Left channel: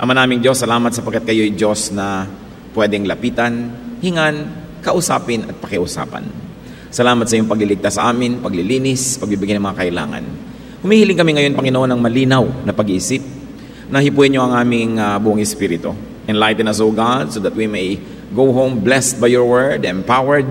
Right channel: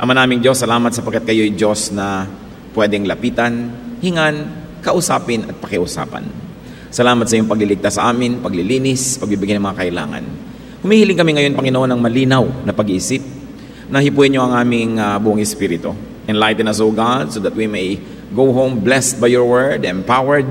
Ama naming Diyos, salamat sapagkat kayo'y Diyos na pwedeng lapitan, hingan, kausapin at pakiusapan. Salamat sa iyong pagliligtas sa amin, paglilinis, pagbibigay ng mga kailangan. Humihiling kami ngayon, Panginoon, ng malinaw na pag-iisip. Nahipuin niyo ang aming buong espiritu. Enlighten us, O God, so that we may go home blessed by your word, empowered,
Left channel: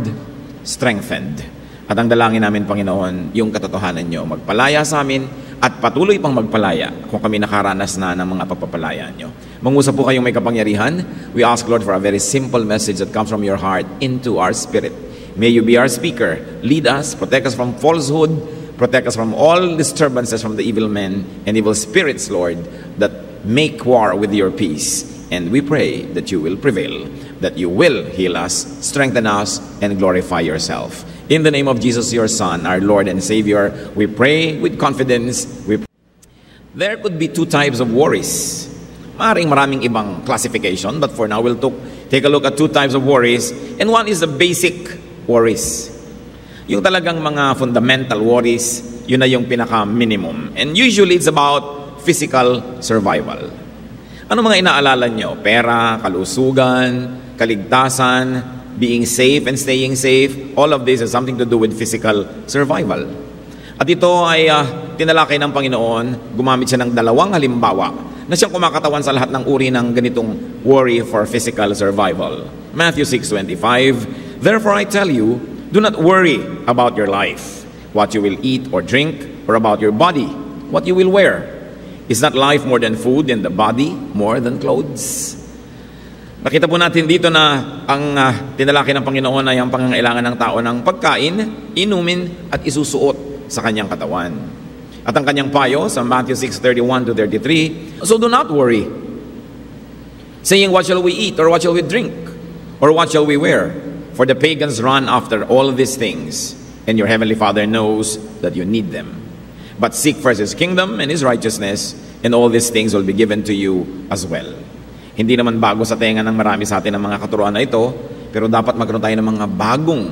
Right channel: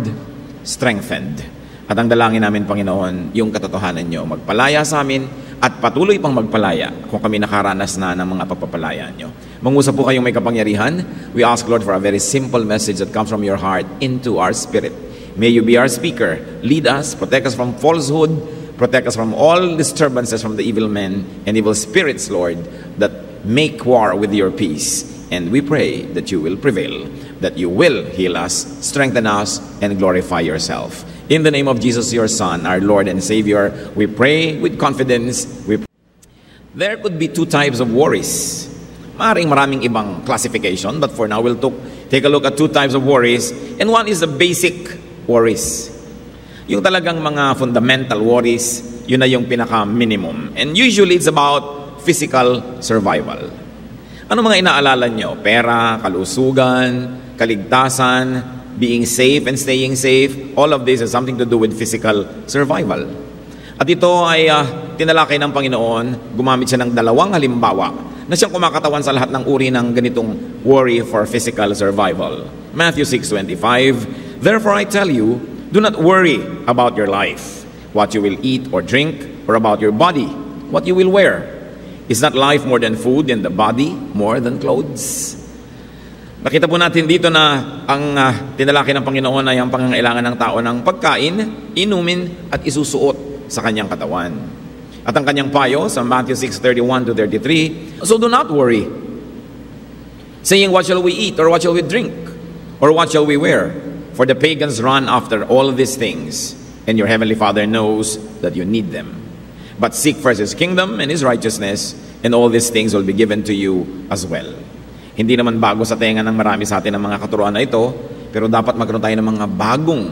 strengthened. At ang dalangin namin, Panginoon, yung katotohanan niyo, magpalaya sa amin at patuloy pang magpalaya kung kami nakaranas na ng mga pagpapalaya niyo. Mangusap po kayong may kapangyarihan. We ask, Lord, for a very simple message that comes from your heart into our spirit. May you be our speaker. Lead us, protect us from falsehood, protect us from all disturbances from the evil men and evil spirits, Lord, that make war with your peace. And we pray that you will prevail, that you will heal us, strengthen us, and glorify yourself. In the name of Jesus, your Son, our Lord and Savior, we pray with confidence. There could be two types of worries. Maraming ibang classification, but for now we'll take a look at two types of worries. And one is the basic worries. Yung talagang mga fundamental worries, yun na yung pinaka-minimum. And usually it's about physical survival. Ano mga inaalala nyo? Pera, kalusugan, kaligtasan, being safe and staying safe. All of this has something to do with physical survival. At ito ay tinalakay ng Panginoon, gumamit siya ng dalawang halimbawa na siyang kumakatawan sa lahat ng uri ng ganitong worry for physical survival. Matthew 6:25, therefore I tell you, do not worry about your life, what you will eat or drink, or about your body, what you will wear. Is not life more than food and the body more than clothes? Nakita po natin dito na ang tinalaki ng Panginoon ay ang pangangailangan ng tao ng pagkain, inumin at isusuot sa kanyang katawan. At ang kanyang payo sa Matthew 6:31-33, so do not worry, saying, what shall we eat, or what shall we drink, or what shall we wear? For the pagans run after all these things, and your heavenly Father knows that you need them. But seek first His kingdom and His righteousness, and all these things will be given to you as well. Hindi naman bago sa tenga ng marami sa atin ang mga katuruan na ito, pero dapat magkaroon tayo ng mga bagong,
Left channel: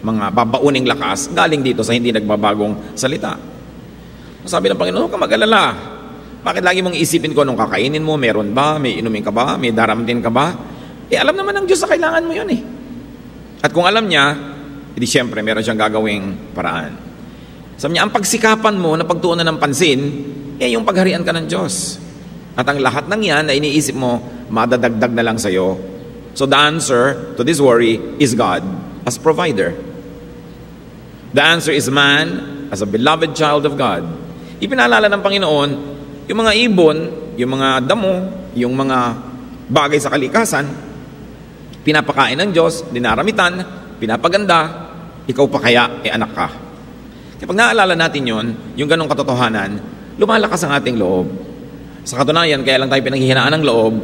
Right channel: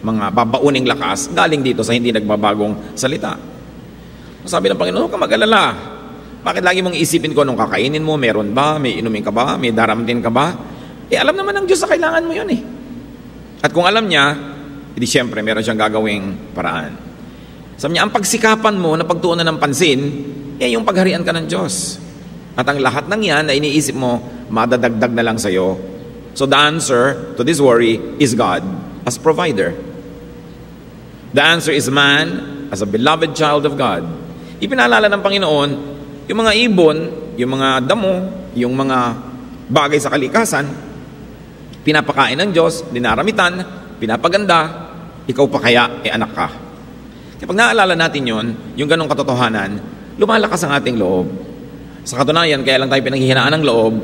mga babauning lakas galing dito sa hindi nagbabagong salita. Sabi ng Panginoon, huwag ka mag-alala. Bakit lagi mong isipin ko anong kakainin mo? Meron ba? May inumin ka ba? May daramtin ka ba? Alam naman ng Diyos na kailangan mo yun eh. At kung alam niya, hindi siyempre meron siyang gagawing paraan. Sabi niya, ang pagsikapan mo na pagtuunan ng pansin, yung pagharian ka ng Diyos. At ang lahat ng yan na iniisip mo, madadagdag na lang sa'yo. So the answer to this worry is God as provider. The answer is man as a beloved child of God. Ipinaalala ng Panginoon, yung mga ibon, yung mga damo, yung mga bagay sa kalikasan, pinapakain ng Diyos, dinaramitan, pinapaganda, ikaw pa kaya, anak ka. Kapag naalala natin yun, yung ganong katotohanan, lumalakas ang ating loob. Sa katunayan, kaya lang tayo pinaghihinaan ng loob,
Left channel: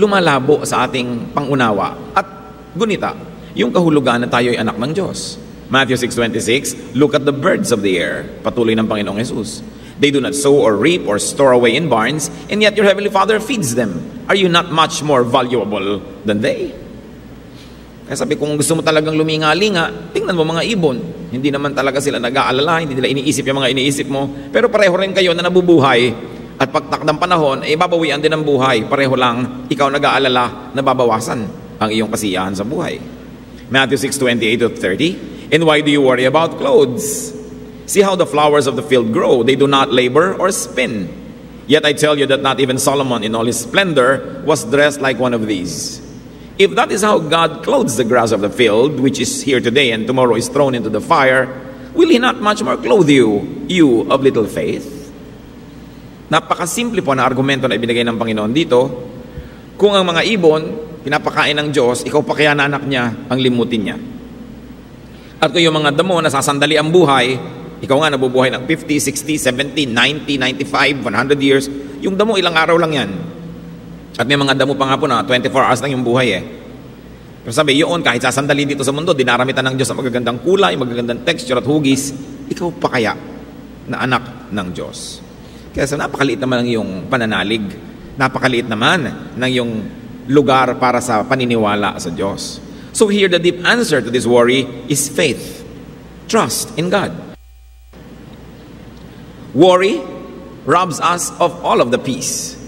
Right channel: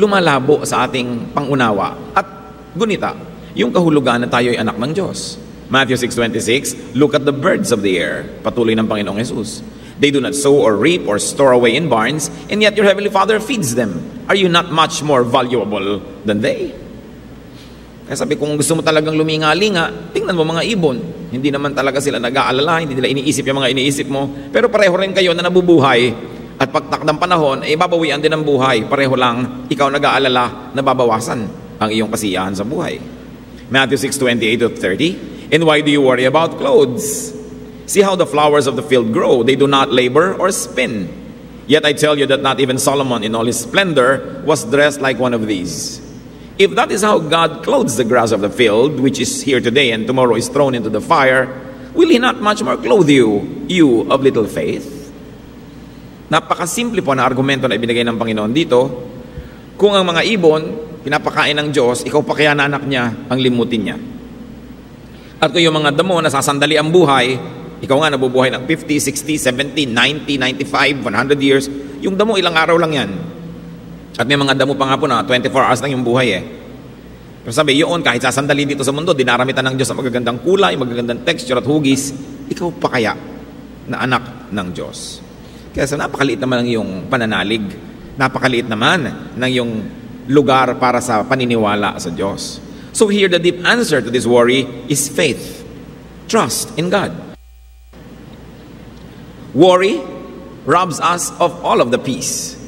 lumalabo sa ating pangunawa at gunita yung kahulugan na tayo ay anak ng Diyos. Matthew 6:26, look at the birds of the air. Patuloy ng Panginoong Jesus. They do not sow or reap or store away in barns, and yet your heavenly Father feeds them. Are you not much more valuable than they? Kaya sabi, kung gusto mo talagang luminga-linga, tingnan mo mga ibon. Hindi naman talaga sila nag-aalala, hindi nila iniisip yung mga iniisip mo, pero pareho rin kayo na nabubuhay. At pagtakdang panahon, ay babawian din ang buhay. Pareho lang, ikaw nag-aalala na babawasan ang iyong kasiyahan sa buhay. Matthew 6:28-30, and why do you worry about clothes? See how the flowers of the field grow. They do not labor or spin. Yet I tell you that not even Solomon in all his splendor was dressed like one of these. If that is how God clothes the grass of the field, which is here today and tomorrow is thrown into the fire, will He not much more clothe you, you of little faith? Napakasimple po na argumento na ibinigay ng Panginoon dito. Kung ang mga ibon, pinapakain ng Diyos, ikaw pa kaya na anak niya, ang limutin niya. At kung yung mga damo, nasasandali ang buhay, ikaw nga nabubuhay ng 50, 60, 70, 90, 95, 100 years, yung damo ilang araw lang yan. At may mga damo pa nga po na 24 hours lang yung buhay eh. Pero sabi, yun, kahit sasandali dito sa mundo, dinaramitan ng Diyos sa magagandang kulay, magagandang texture at hugis, ikaw pa kaya na anak ng Diyos. Kaya so napakaliit naman ng iyong pananalig, napakaliit naman ng iyong lugar para sa paniniwala sa Diyos. So here the deep answer to this worry is faith. Trust in God. Worry robs us of all of the peace.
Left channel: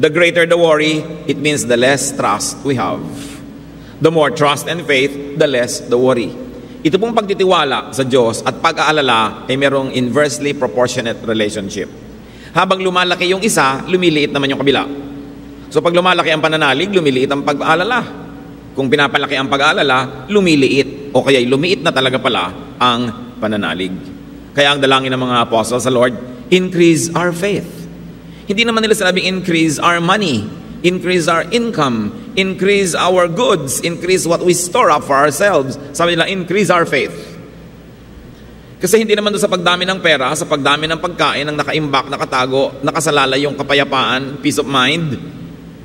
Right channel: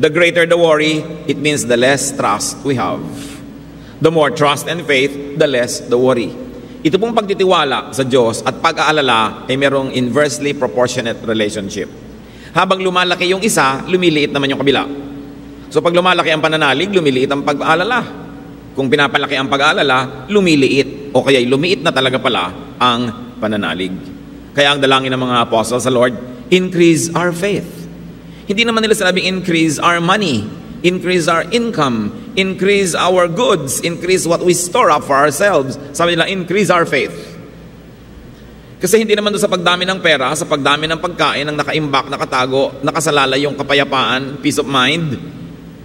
The greater the worry, it means the less trust we have. The more trust and faith, the less the worry. Ito pong pagtitiwala sa Diyos at pag-aalala ay merong inversely proportionate relationship. Habang lumalaki yung isa, lumiliit naman yung kabila. So pag lumalaki ang pananalig, lumiliit ang pag-aalala. Kung pinapalaki ang pag-aalala, lumiliit. O kaya lumiit na talaga pala ang pananalig. Kaya ang dalangin ng mga apostles sa Lord, increase our faith. Hindi naman nila sinabing increase our money, increase our income, increase our goods, increase what we store up for ourselves. Sabi nila, increase our faith. Kasi hindi naman doon sa pagdami ng pera, sa pagdami ng pagkain, ang nakaimbak, nakatago, nakasalalay yung kapayapaan, peace of mind,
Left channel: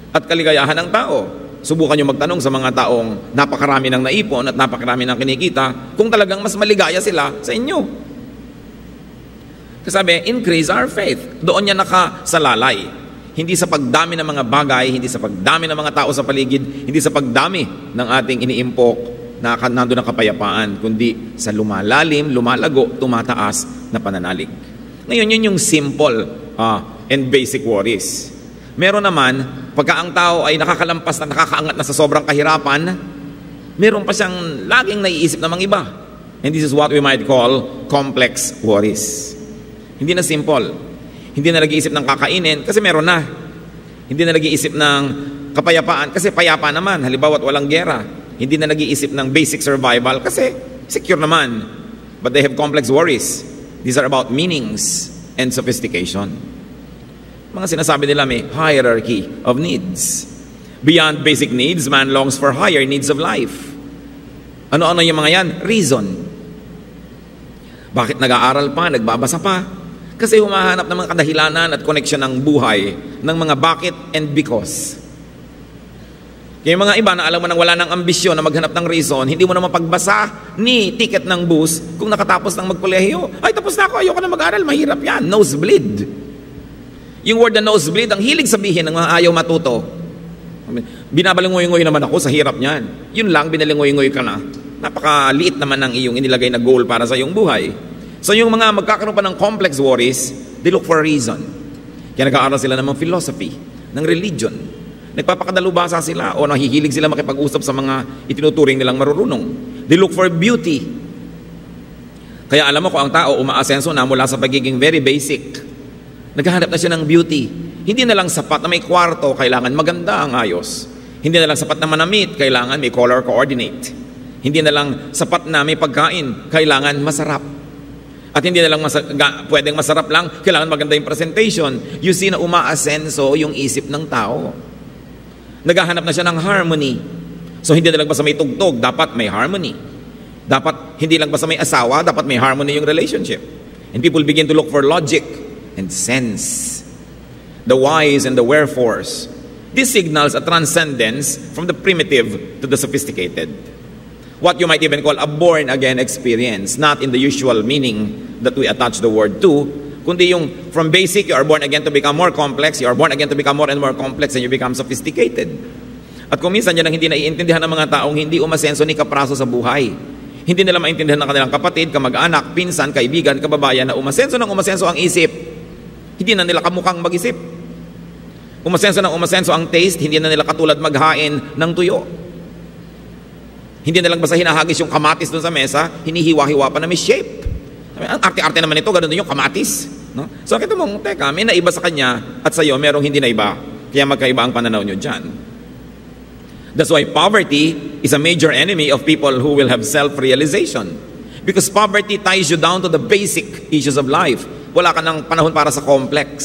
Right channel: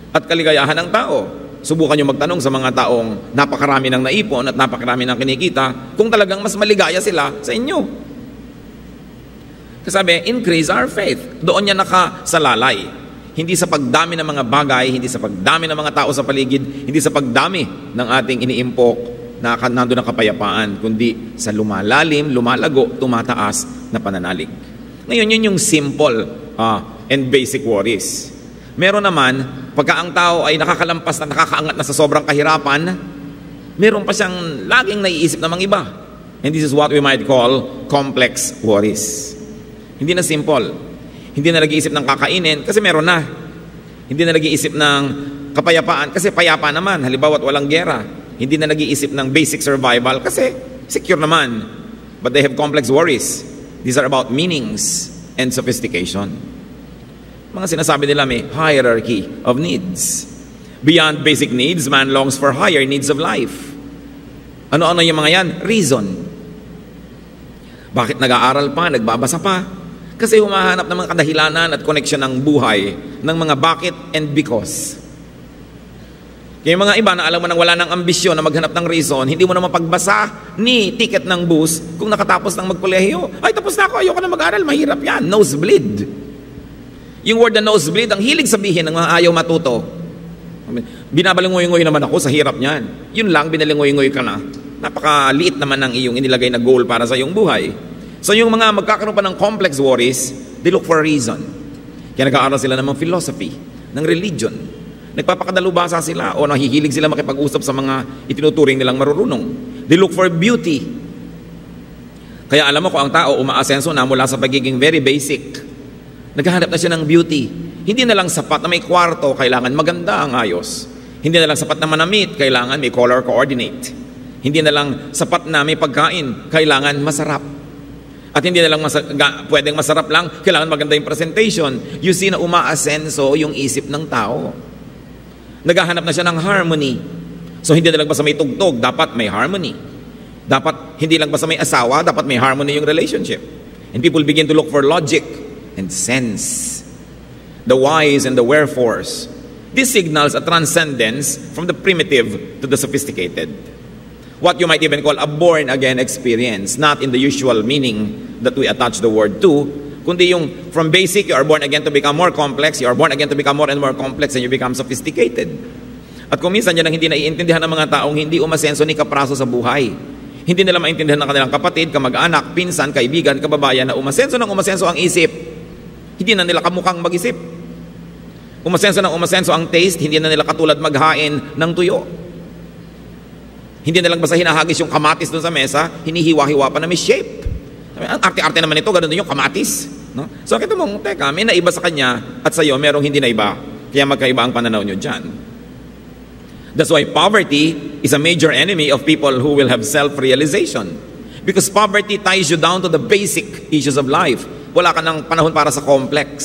at kaligayahan ng tao. Subukan nyo magtanong sa mga taong napakarami ng naipon at napakarami ng kinikita kung talagang mas maligaya sila sa inyo. Sabi, increase our faith. Doon niya nakasalalay. Hindi sa pagdami ng mga bagay, hindi sa pagdami ng mga tao sa paligid, hindi sa pagdami ng ating iniimpok na nandun ang kapayapaan, kundi sa lumalalim, lumalago, tumataas na pananalig. Ngayon, yun yung simple and basic worries. Meron naman, pagka ang tao ay nakakalampas na nakakaangat na sa sobrang kahirapan, meron pa siyang laging naiisip na mga iba. And this is what we might call complex worries. Hindi na simple. Hindi na nag-iisip ng kakainin kasi meron na. Hindi na nag-iisip ng kapayapaan kasi payapa naman. Halimbawa, walang gera. Hindi na nag-iisip ng basic survival kasi secure naman. But they have complex worries. These are about meanings and sophistication. Mga sinasabi nila may hierarchy of needs. Beyond basic needs, man longs for higher needs of life. Ano-ano yung mga yan? Reason. Bakit nag-aaral pa, nagbabasa pa? Kasi humahanap ng mga kadahilanan at koneksyon ng buhay ng mga bakit and because. Yung mga iba na alam mo nang wala ng ambisyon na maghanap ng reason, hindi mo na mapagbasa ni ticket ng bus kung nakatapos ng magkolehiyo. Ay, tapos na ako, ayoko na mag-aral, mahirap yan. Nosebleed. Yung word na nosebleed, ang hilig sabihin ng mga ayaw matuto. Binabalingoy-ngoy naman ako sa hirap niyan. Yun lang, binalingoy-ngoy ka na. Napakaliit naman ang iyong inilagay na goal para sa iyong buhay. So yung mga magkakaroon pa ng complex worries, they look for a reason. Kaya nag-aaral sila ng mga philosophy, ng religion. Nagpapakadalubasa sila o nahihilig sila makipag-usap sa mga itinuturing nilang marurunong. They look for beauty. Kaya alam mo kung ang tao umaasenso na mula sa pagiging very basic, naghahanap na siya ng beauty. Hindi na lang sapat na may kwarto, kailangan maganda ang ayos. Hindi na lang sapat na manamit, kailangan may color coordinate. Hindi na lang sapat na may pagkain, kailangan masarap. At hindi na lang pwedeng masarap lang, kailangan maganda yung presentation. You see na umaasenso yung isip ng tao. Naghahanap na siya ng harmony. So hindi na lang basta may tugtog, dapat may harmony. Dapat hindi lang basta may asawa, dapat may harmony yung relationship. And people begin to look for logic and sense. The whys and the wherefores. This signals a transcendence from the primitive to the sophisticated. What you might even call a born-again experience, not in the usual meaning that we attach the word to, kundi yung from basic, you are born again to become more complex, you are born again to become more and more complex, and you become sophisticated. At kung minsan yan ang hindi naiintindihan ng mga taong hindi umasenso ni kapraso sa buhay. Hindi nila maintindihan ng kanilang kapatid, kamag-anak, pinsan, kaibigan, kababayan na umasenso ang isip, hindi na nila kamukhang mag-isip. Umasenso ang taste, hindi na nila katulad maghain ng tuyo. Hindi na lang basta hinahagis yung kamatis dun sa mesa, hinihiwa-hiwa pa na may shape. Ang arte-arte naman ito, ganun din yung kamatis. No? So, kita mo, teka, may naiba sa kanya at sa iyo, merong hindi naiba. Kaya magkaiba ang pananaw nyo dyan. That's why poverty is a major enemy of people who will have self-realization. Because poverty ties you down to the basic issues of life. Wala ka ng panahon para sa complex.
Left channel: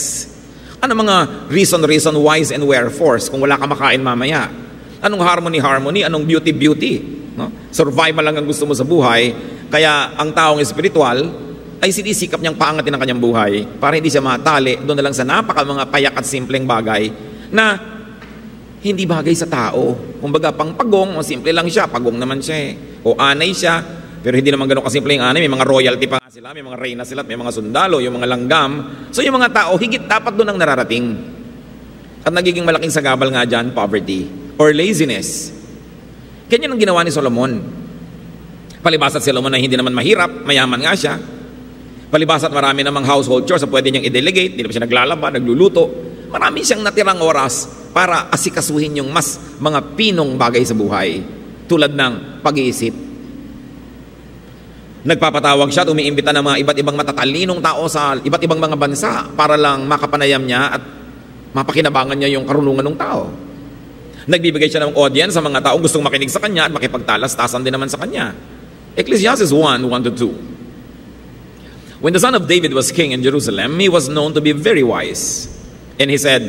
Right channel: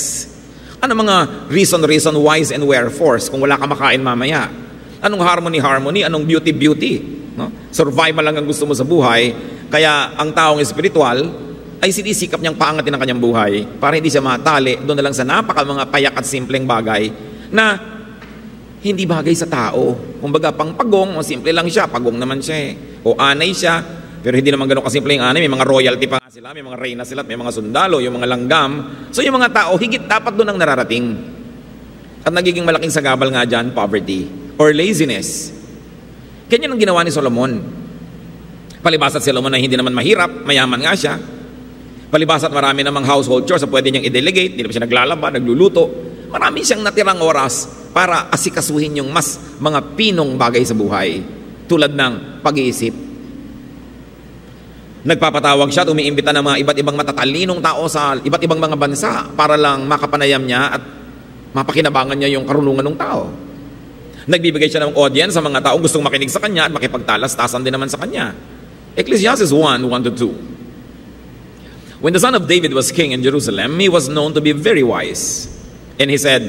Ano mga reason, whys, and wherefores kung wala ka makain mamaya? Anong harmony? Anong beauty? No? Survival lang ang gusto mo sa buhay. Kaya ang taong espiritual ay sinisikap niyang paangatin ang kanyang buhay para hindi siya matali doon na lang sa mga payak at simpleng bagay na hindi bagay sa tao. Kumbaga, pang pagong, simple lang siya. Pagong naman siya o anay siya. Pero hindi naman gano'n kasimple yung anay. May mga royalty pa sila, may mga reyna sila, may mga sundalo, yung mga langgam. So yung mga tao, higit dapat doon ang nararating. At nagiging malaking sagabal nga dyan, poverty or laziness. Ganyan ang ginawa ni Solomon. Palibasat si Solomon na hindi naman mahirap, mayaman nga siya. Palibasat marami namang household chores so pwede niyang i-delegate, hindi naman siya naglalaba, nagluluto. Marami siyang natirang oras para asikasuhin yung mas mga pinong bagay sa buhay. Tulad ng pag-iisip. Nagpapatawag siya at umiimbita ng mga iba't ibang matatalinong tao sa iba't ibang mga bansa para lang makapanayam niya at mapakinabangan niya yung karunungan ng tao. Nagbibigay siya ng audience sa mga tao gustong makinig sa kanya at makipagtalas-tasan din naman sa kanya. Ecclesiastes 1:1-2. When the son of David was king in Jerusalem, he was known to be very wise. And he said,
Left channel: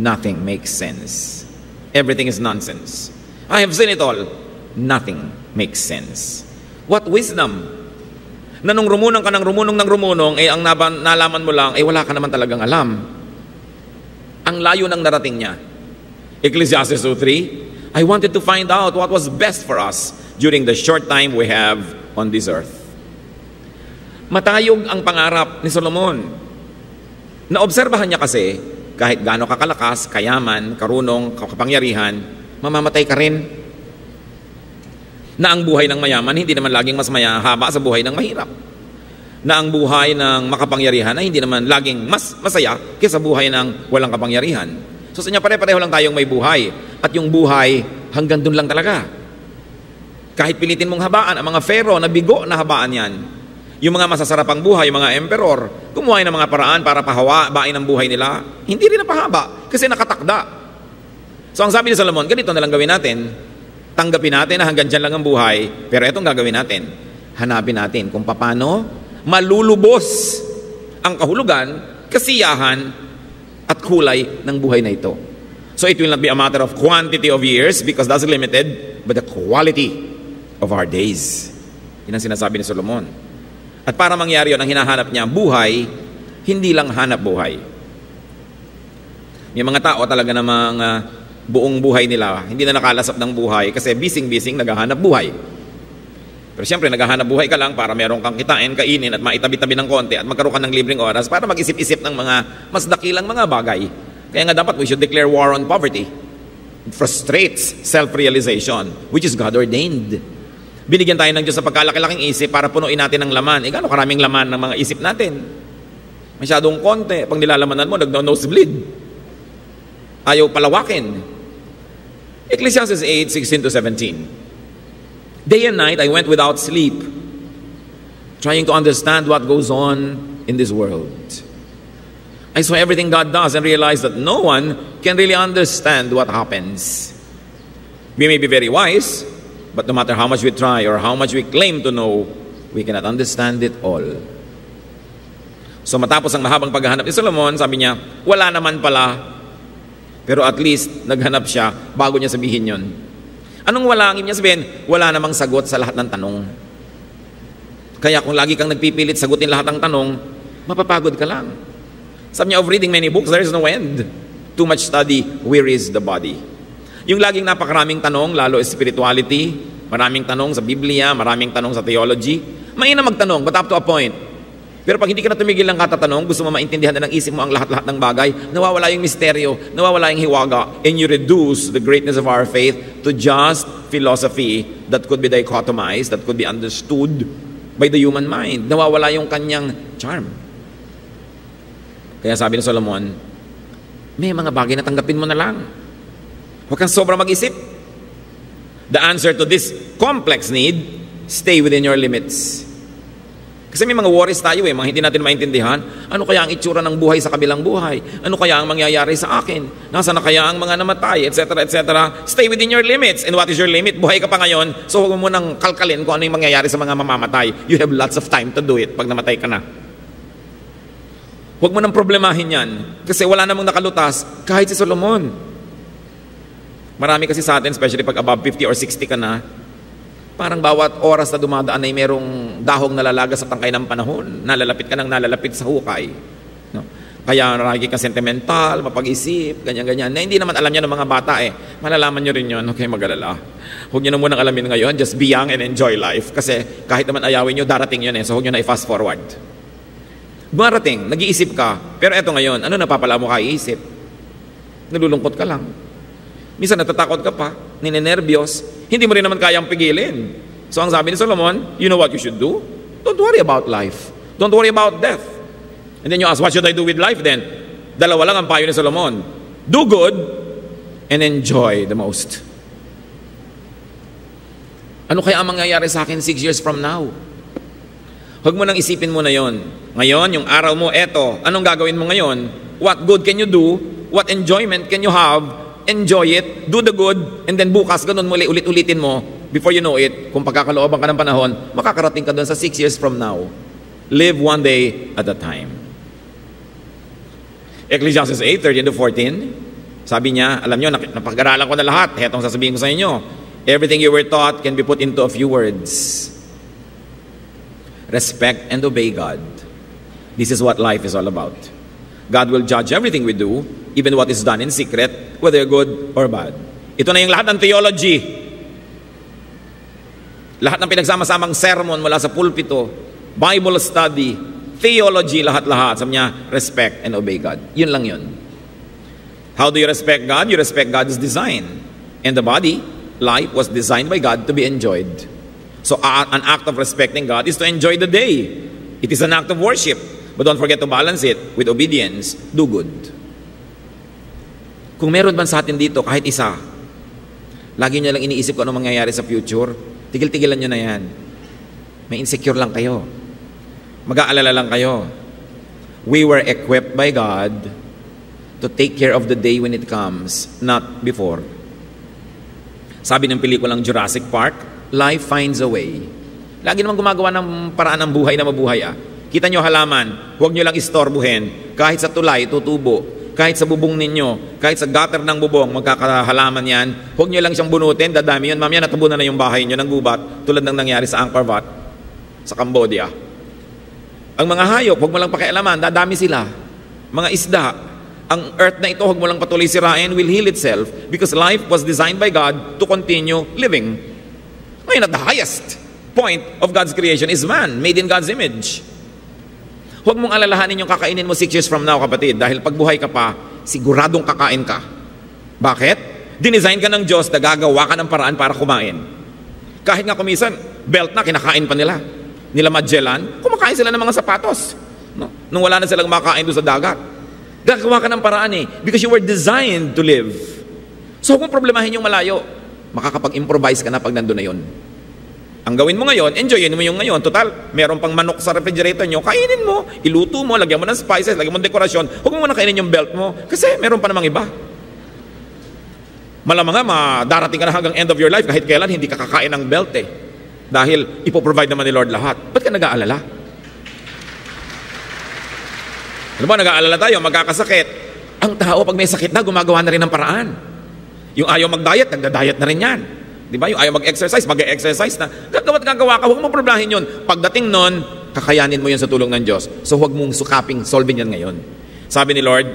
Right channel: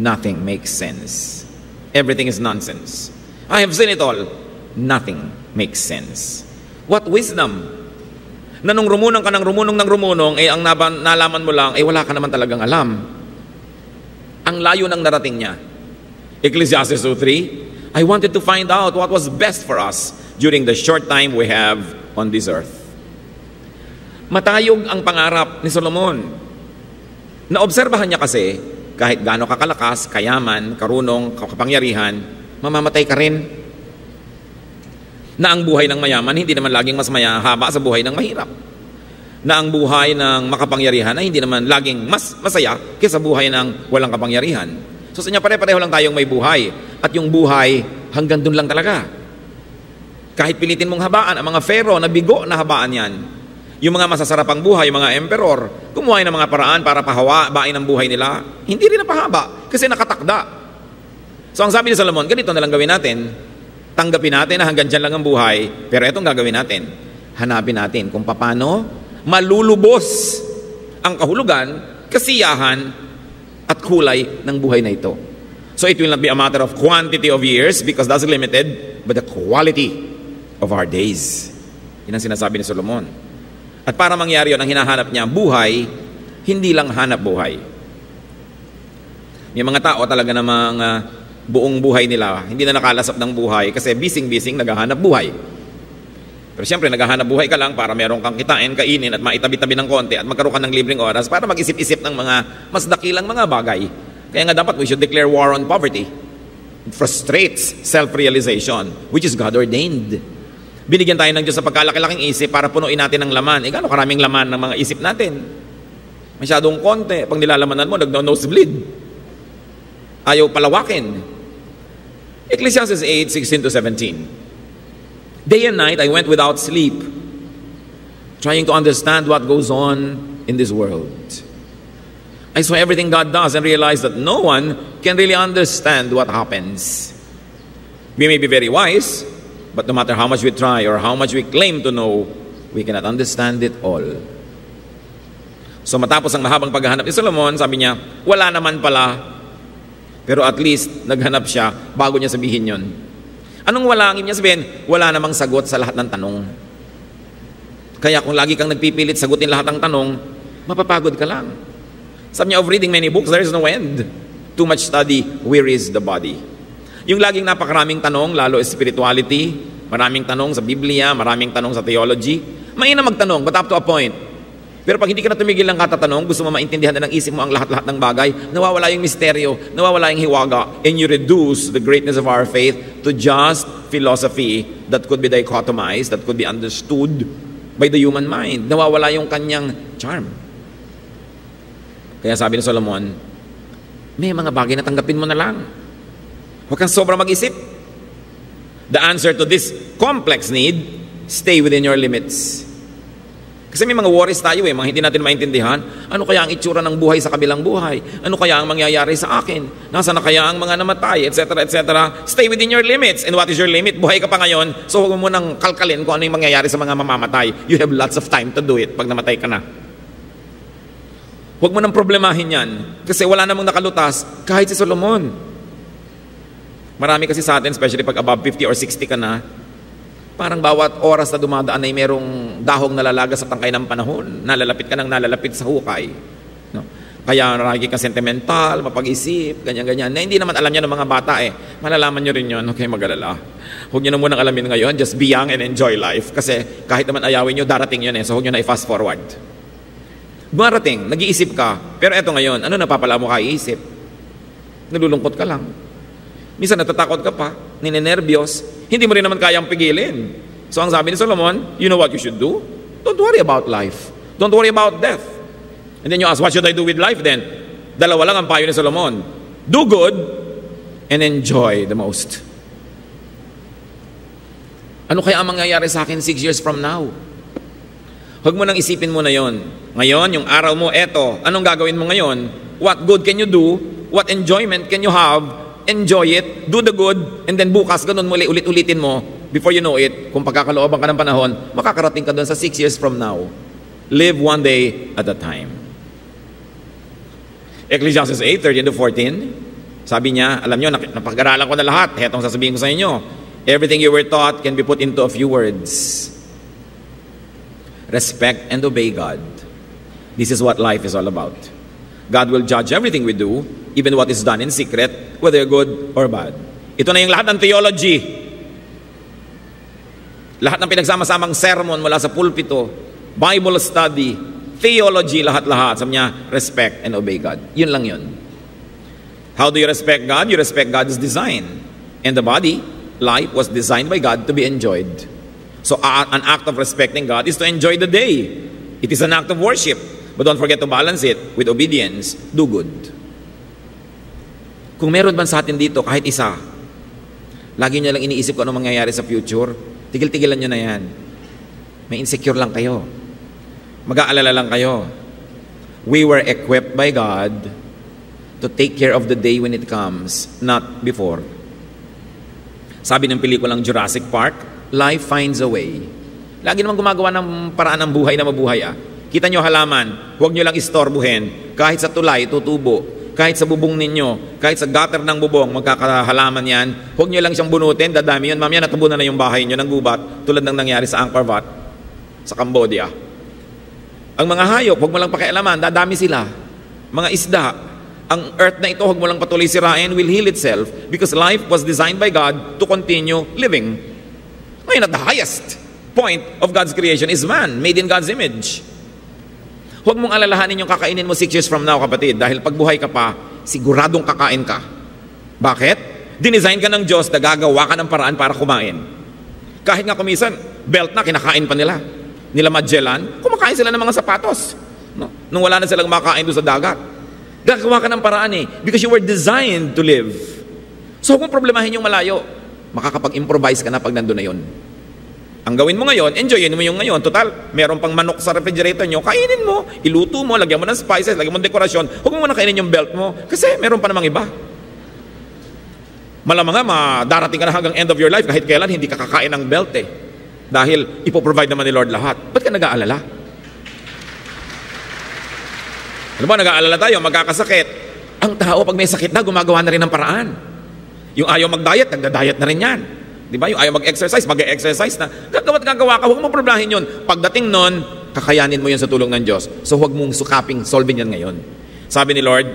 nothing makes sense. Everything is nonsense. I have seen it all. Nothing makes sense. What wisdom? Na nung rumunong ka ng rumunong, ang nalaman mo lang, wala ka naman talagang alam. Ang layo ng narating niya. Ecclesiastes 2:3, I wanted to find out what was best for us during the short time we have on this earth. Matayog ang pangarap ni Solomon. Naobserbahan niya kasi, kahit gaano kakalakas, kayaman, karunong, kapangyarihan, mamamatay ka rin. Na ang buhay ng mayaman hindi naman laging mas mahaba sa buhay ng mahirap. Na ang buhay ng makapangyarihan ay hindi naman laging mas masaya kaysa buhay ng walang kapangyarihan. So sa niya pare-pareho lang tayong may buhay. At yung buhay hanggang dun lang talaga. Kahit pilitin mong habaan, ang mga pharaoh, nabigo na habaan yan. Yung mga masasarapang buhay, yung mga emperor, kumuha ng mga paraan para pahabain ang buhay nila. Hindi rin napahaba kasi nakatakda. So ang sabi ni Solomon, ganito na lang gawin natin. Tanggapin natin na hanggang dyan lang ang buhay. Pero itong gagawin natin. Hanapin natin kung paano malulubos ang kahulugan, kasiyahan, at kulay ng buhay na ito. So it will not be a matter of quantity of years because that's limited, but the quality of our days. Yun ang sinasabi ni Solomon. At para mangyari yun, ang hinahanap niya, buhay, hindi lang hanap buhay. May mga tao talaga namang buong buhay nila, hindi na nakalasap ng buhay kasi bising-bising naghahanap buhay. Pero siyempre, naghahanap buhay ka lang para meron kang kitain, kainin at maitabi-tabi ng konti at magkaroon ka ng libreng oras para mag-isip-isip ng mga mas dakilang mga bagay. Kaya nga dapat we should declare war on poverty. It frustrates self-realization, which is God-ordained. Binigyan tayo ng Diyos sa pagkalaki-laking isip para punuin natin ng laman. Gano'ng karaming laman ng mga isip natin? Masyadong konti. Pag nilalamanan mo, nag-nosebleed. Ayaw palawakin. Ecclesiastes 8:16-17. Day and night I went without sleep, trying to understand what goes on in this world. I saw everything God does and realized that no one can really understand what happens. We may be very wise, but no matter how much we try or how much we claim to know, we cannot understand it all. So matapos ang mahabang paghahanap ni Solomon, sabi niya, wala naman pala. Pero at least, naghanap siya bago niya sabihin yun. Anong wala? Ang niya sabihin, wala namang sagot sa lahat ng tanong. Kaya kung lagi kang nagpipilit sagutin lahat ng tanong, mapapagod ka lang. Sabi niya, of reading many books, there is no end. Too much study wearies the body. Yung laging napakaraming tanong, lalo spirituality, maraming tanong sa Biblia, maraming tanong sa theology. Mahina magtanong, but up to a point. Pero pag hindi ka na tumigil ng katatanong, gusto mo maintindihan na ng isip mo ang lahat-lahat ng bagay, nawawala yung misteryo, nawawala yung hiwaga. And you reduce the greatness of our faith to just philosophy that could be dichotomized, that could be understood by the human mind. Nawawala yung kanyang charm. Kaya sabi ni Solomon, may mga bagay na tanggapin mo na lang. Huwag kang sobrang mag-isip. The answer to this complex need, stay within your limits. Kasi may mga worries tayo mga hindi natin maintindihan. Ano kaya ang itsura ng buhay sa kabilang buhay? Ano kaya ang mangyayari sa akin? Nasaan na kaya ang mga namatay? Etc. etc. Stay within your limits. And what is your limit? Buhay ka pa ngayon, so huwag mo nang kalkalin kung ano yung mangyayari sa mga mamamatay. You have lots of time to do it pag namatay ka na. Huwag mo nang problemahin yan. Kasi wala namang nakalutas kahit si Solomon. Marami kasi sa atin, especially pag above 50 or 60 ka na, parang bawat oras na dumadaan ay merong dahong nalalaga sa tangkay ng panahon. Nalalapit ka ng nalalapit sa hukay. No? Kaya lagi ka sentimental, mapag-isip, ganyan-ganyan. Na hindi naman alam niya ng mga bata Malalaman niyo rin yun. Okay, mag-alala. Huwag niyo na munang alamin ngayon. Just be young and enjoy life. Kasi kahit naman ayawin niyo, darating yun So huwag niyo na i-fast forward. Darating, nag-iisip ka. Pero eto ngayon, ano napapala mo ka-iisip? Nalulungkot ka lang. Minsan natatakot ka pa, ninenervyos, hindi mo rin naman kayang pigilin. So ang sabi ni Solomon, you know what you should do? Don't worry about life. Don't worry about death. And then you ask, what should I do with life then? Dalawa lang ang payo ni Solomon. Do good and enjoy the most. Ano kaya ang mangyayari sa akin 6 years from now? Huwag mo nang isipin mo na yon. Ngayon, yung araw mo, eto. Anong gagawin mo ngayon? What good can you do? What enjoyment can you have? Enjoy it, do the good, and then bukas, ganun muli, ulit-ulitin mo. Before you know it, kung pagkakalooban ka ng panahon, makakarating ka doon sa 6 years from now. Live one day at a time. Ecclesiastes 8:13-14, sabi niya, alam niyo, napag-aralan ko na lahat. Hetong sasabihin ko sa inyo. Everything you were taught can be put into a few words. Respect and obey God. This is what life is all about. God will judge everything we do, even what is done in secret, whether good or bad. Ito na yung lahat ng theology. Lahat ng pinagsama-samang sermon mula sa pulpito, Bible study, theology, lahat-lahat. Sabi niya, respect and obey God. Yun lang yun. How do you respect God? You respect God's design. And the body, life was designed by God to be enjoyed. So an act of respecting God is to enjoy the day. It is an act of worship. But don't forget to balance it with obedience. Do good. Kung meron ba sa atin dito, kahit isa, lagi niya lang iniisip kung ano mangyayari sa future, tigil-tigilan niyo na yan. May insecure lang kayo. Mag-aalala lang kayo. We were equipped by God to take care of the day when it comes, not before. Sabi ng pelikulang Jurassic Park, life finds a way. Lagi naman gumagawa ng paraan ng buhay na mabuhay. Kita nyo halaman, huwag nyo lang istorbuhin. Kahit sa tulay, tutubo. Kahit sa bubong ninyo, kahit sa gutter ng bubong, magkakahalaman yan. Huwag nyo lang siyang bunutin, dadami yan. Mamaya natabunan na yung bahay nyo ng gubat, tulad ng nangyari sa Angkor Wat, sa Cambodia. Ang mga hayop, huwag mo lang pakialaman, dadami sila. Mga isda, ang earth na ito, huwag mo lang patuloy sirain, will heal itself. Because life was designed by God to continue living. Ngayon, at the highest point of God's creation is man, made in God's image. Huwag mong alalahanin yung kakainin mo 6 years from now, kapatid, dahil pag buhay ka pa, siguradong kakain ka. Bakit? Dinesign ka ng Diyos na gagawa ka ng paraan para kumain. Kahit nga kumisan, belt na, kinakain pa nila. Nila Magellan, kumakain sila ng mga sapatos. Nung wala na silang makain doon sa dagat. Gagawa ka ng paraan because you were designed to live. So huwag mong problemahin yung malayo. Makakapag-improvise ka na pag nandun na yun. Ang gawin mo ngayon, enjoyin mo yung ngayon. Total, meron pang manok sa refrigerator nyo, kainin mo, iluto mo, lagyan mo ng spices, lagyan mo ng dekorasyon. Huwag mo na kainin yung belt mo kasi meron pa namang iba. Malamang nga, darating ka na hanggang end of your life kahit kailan hindi ka kakain ng belt Dahil ipoprovide naman ni Lord lahat. Ba't ka nag-aalala? Ano ba, nag-aalala tayo, magkakasakit. Ang tao, pag may sakit na, gumagawa na rin ng paraan. Yung ayaw mag-diet, nagda-diet na rin yan. Di ba? Yung ayaw mag-exercise, mag-exercise na. Gagawa't-gagawa ka, huwag mo problemahin yun. Pagdating nun, kakayanin mo yan sa tulong ng Diyos. So huwag mong sukaping solving yan ngayon. Sabi ni Lord,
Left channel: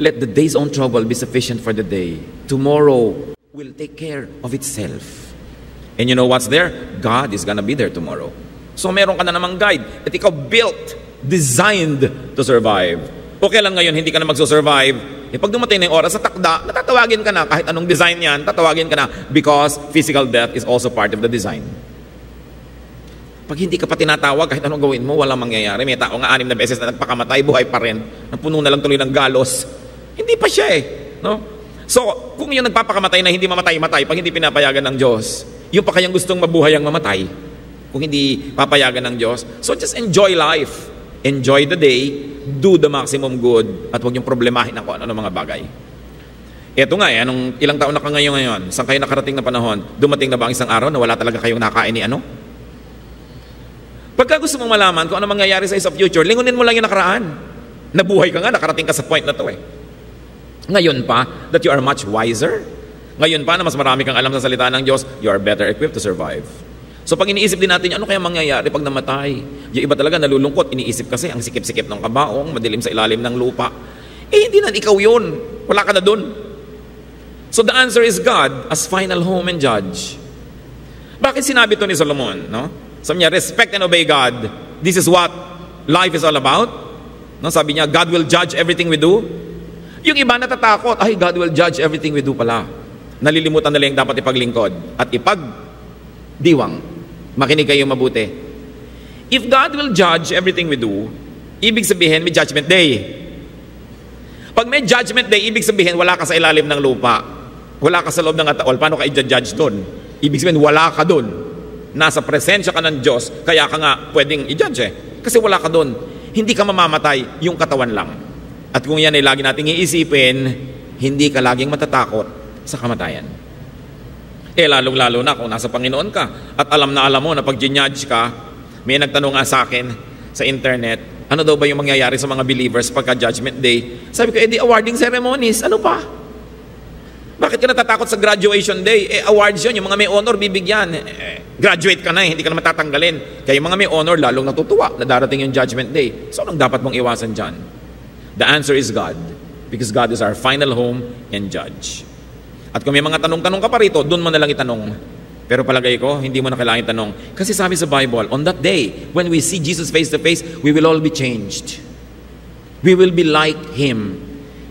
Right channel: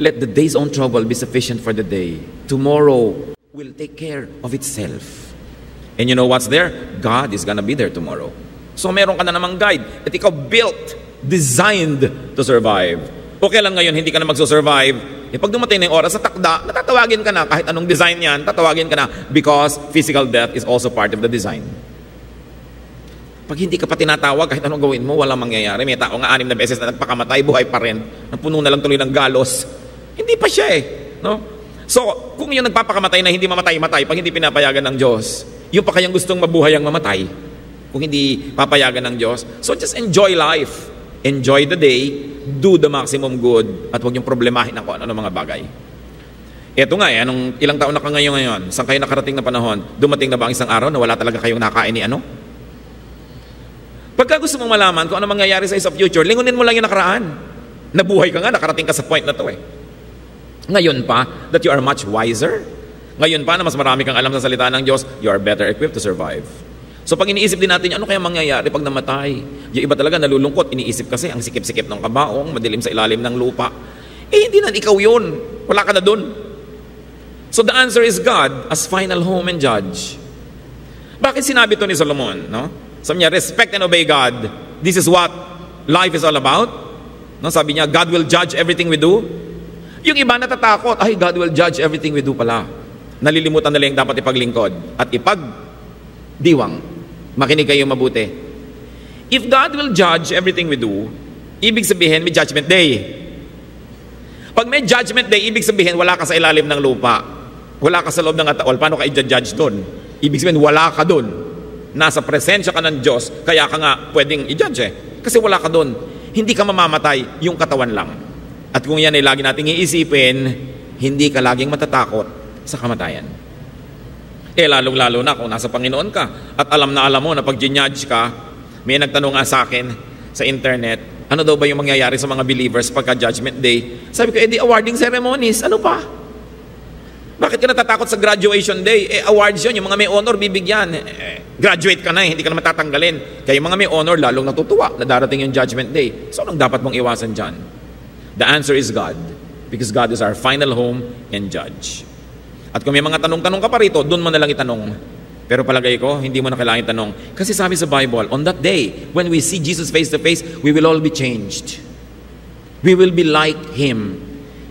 let the day's own trouble be sufficient for the day. Tomorrow will take care of itself. And you know what's there? God is gonna be there tomorrow. So meron ka na namang guide. At ikaw built, designed to survive. Okay lang ngayon, hindi ka na magsusurvive. Pag dumating na yung oras sa takda, natatawagin ka na. Kahit anong design yan, tatawagin ka na. Because physical death is also part of the design. Pag hindi ka pa tinatawag, kahit anong gawin mo, walang mangyayari. May tao nga 6 na beses na nagpakamatay, buhay pa rin. Napuno na lang tuloy ng galos. Hindi pa siya no? So, kung yung nagpapakamatay na hindi mamatay-matay, pag hindi pinapayagan ng Diyos, yung pa kayang gustong mabuhay ang mamatay, kung hindi papayagan ng Diyos. So, just enjoy life. Enjoy the day, do the maximum good, at huwag yung problemahin ng kung ano mga bagay. Ito nga anong ilang taon na ka ngayon? Saan kayo nakarating na panahon? Dumating na ba ang isang araw na wala talaga kayong nakain ni ano? Pagka gusto mong malaman kung ano mangyayari sa future, lingunin mo lang yung nakaraan. Nabuhay ka nga, nakarating ka sa point na to Ngayon pa, that you are much wiser. Ngayon pa na mas marami kang alam sa salita ng Diyos, you are better equipped to survive. So pag iniisip din natin, ano kaya mangyayari pag namatay? Yung iba talaga nalulungkot, iniisip kasi ang sikip-sikip ng kabaong, madilim sa ilalim ng lupa. Hindi na, ikaw yun. Wala ka na dun. So the answer is God as final home and judge. Bakit sinabi to ni Solomon? Sabi niya, respect and obey God. This is what life is all about. Sabi niya, God will judge everything we do. Yung iba natatakot, God will judge everything we do pala. Nalilimutan nila yung dapat ipaglingkod at ipagdiwang. Makinig kayo mabuti. If God will judge everything we do, ibig sabihin may judgment day. ka sa ilalim ng lupa. Wala ka sa loob ng ataol. Paano ka i-judge dun? Ibig sabihin, wala ka dun. Nasa presensya ka ng Diyos, kaya ka nga pwedeng i-judge eh. Kasi wala ka dun. Hindi ka mamamatay, yung katawan lang. At kung yan ay lagi nating iisipin, hindi ka laging matatakot sa kamatayan. Lalong-lalo na kung nasa Panginoon ka. At alam mo na pag ginudge ka, may nagtanong nga sa akin sa internet, ano daw ba yung mangyayari sa mga believers pagka Judgment Day? Sabi ko, di awarding ceremonies. Ano pa? Bakit ka natatakot sa graduation day? Awards yun. Yung mga may honor, bibigyan. Graduate ka na hindi ka na matatanggalin. Kaya yung mga may honor, lalong natutuwa na darating yung Judgment Day. So, anong dapat mong iwasan dyan? The answer is God. Because God is our final home and judge. At kung may mga tanong-tanong ka pa rito, doon mo na lang itanong. Pero palagay ko, hindi mo na kailangan itanong. Kasi sabi sa Bible, on that day, when we see Jesus face to face, we will all be changed. We will be like Him.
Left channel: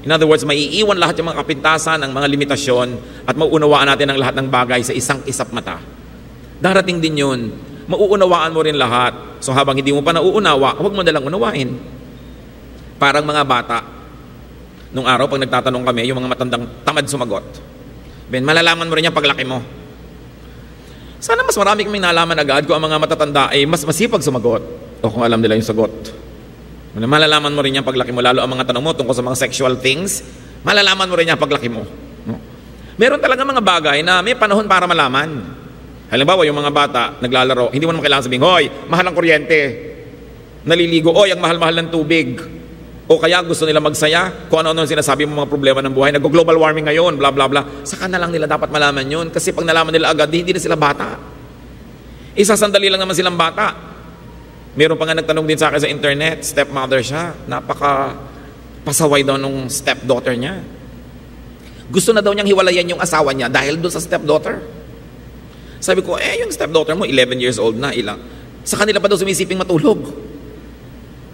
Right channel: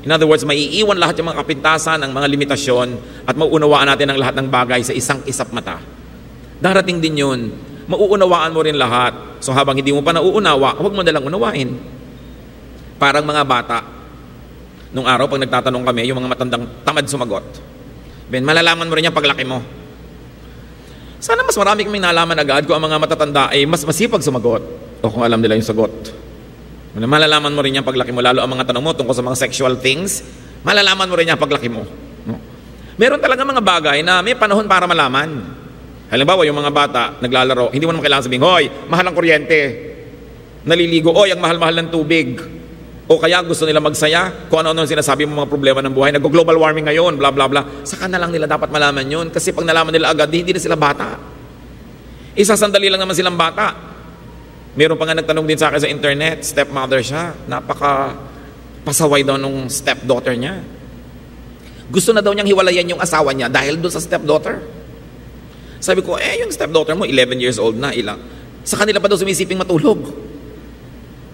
In other words, maiiwan lahat yung mga kapintasan, ng mga limitasyon, at mauunawaan natin ang lahat ng bagay sa isang isap mata. Darating din yun. Mauunawaan mo rin lahat. So habang hindi mo pa nauunawa, huwag mo nalang unawain. Parang mga bata. Nung araw, pag nagtatanong kami, yung mga matandang tamad sumagot. Ben, malalaman mo rin yan paglaki mo. Sana mas marami kang may nalaman agad kung ang mga matatanda ay mas masipag sumagot. Kung alam nila yung sagot. Malalaman mo rin yan paglaki mo, lalo ang mga tanong mo tungkol sa mga sexual things, malalaman mo rin yan paglaki mo. Meron talaga mga bagay na may panahon para malaman. Halimbawa, yung mga bata, naglalaro, hindi mo naman kailangan sabihin, hoy, mahal ang kuryente. Naliligo, oy, ang mahal-mahal ng tubig. O kaya gusto nila magsaya, kung ano-ano sinasabi mo mga problema ng buhay, nag-global warming ngayon, bla bla bla. Saka na lang nila dapat malaman yun, kasi pag nalaman nila agad, hindi na sila bata. Isasandali lang naman silang bata. Meron pa nga nagtanong din sa akin sa internet, stepmother siya. Pasaway daw nung stepdaughter niya. Gusto na daw niyang hiwalayan yung asawa niya dahil doon sa stepdaughter. Sabi ko, yung stepdaughter mo, 11 years old na. Sa kanila pa daw sumisiping matulog.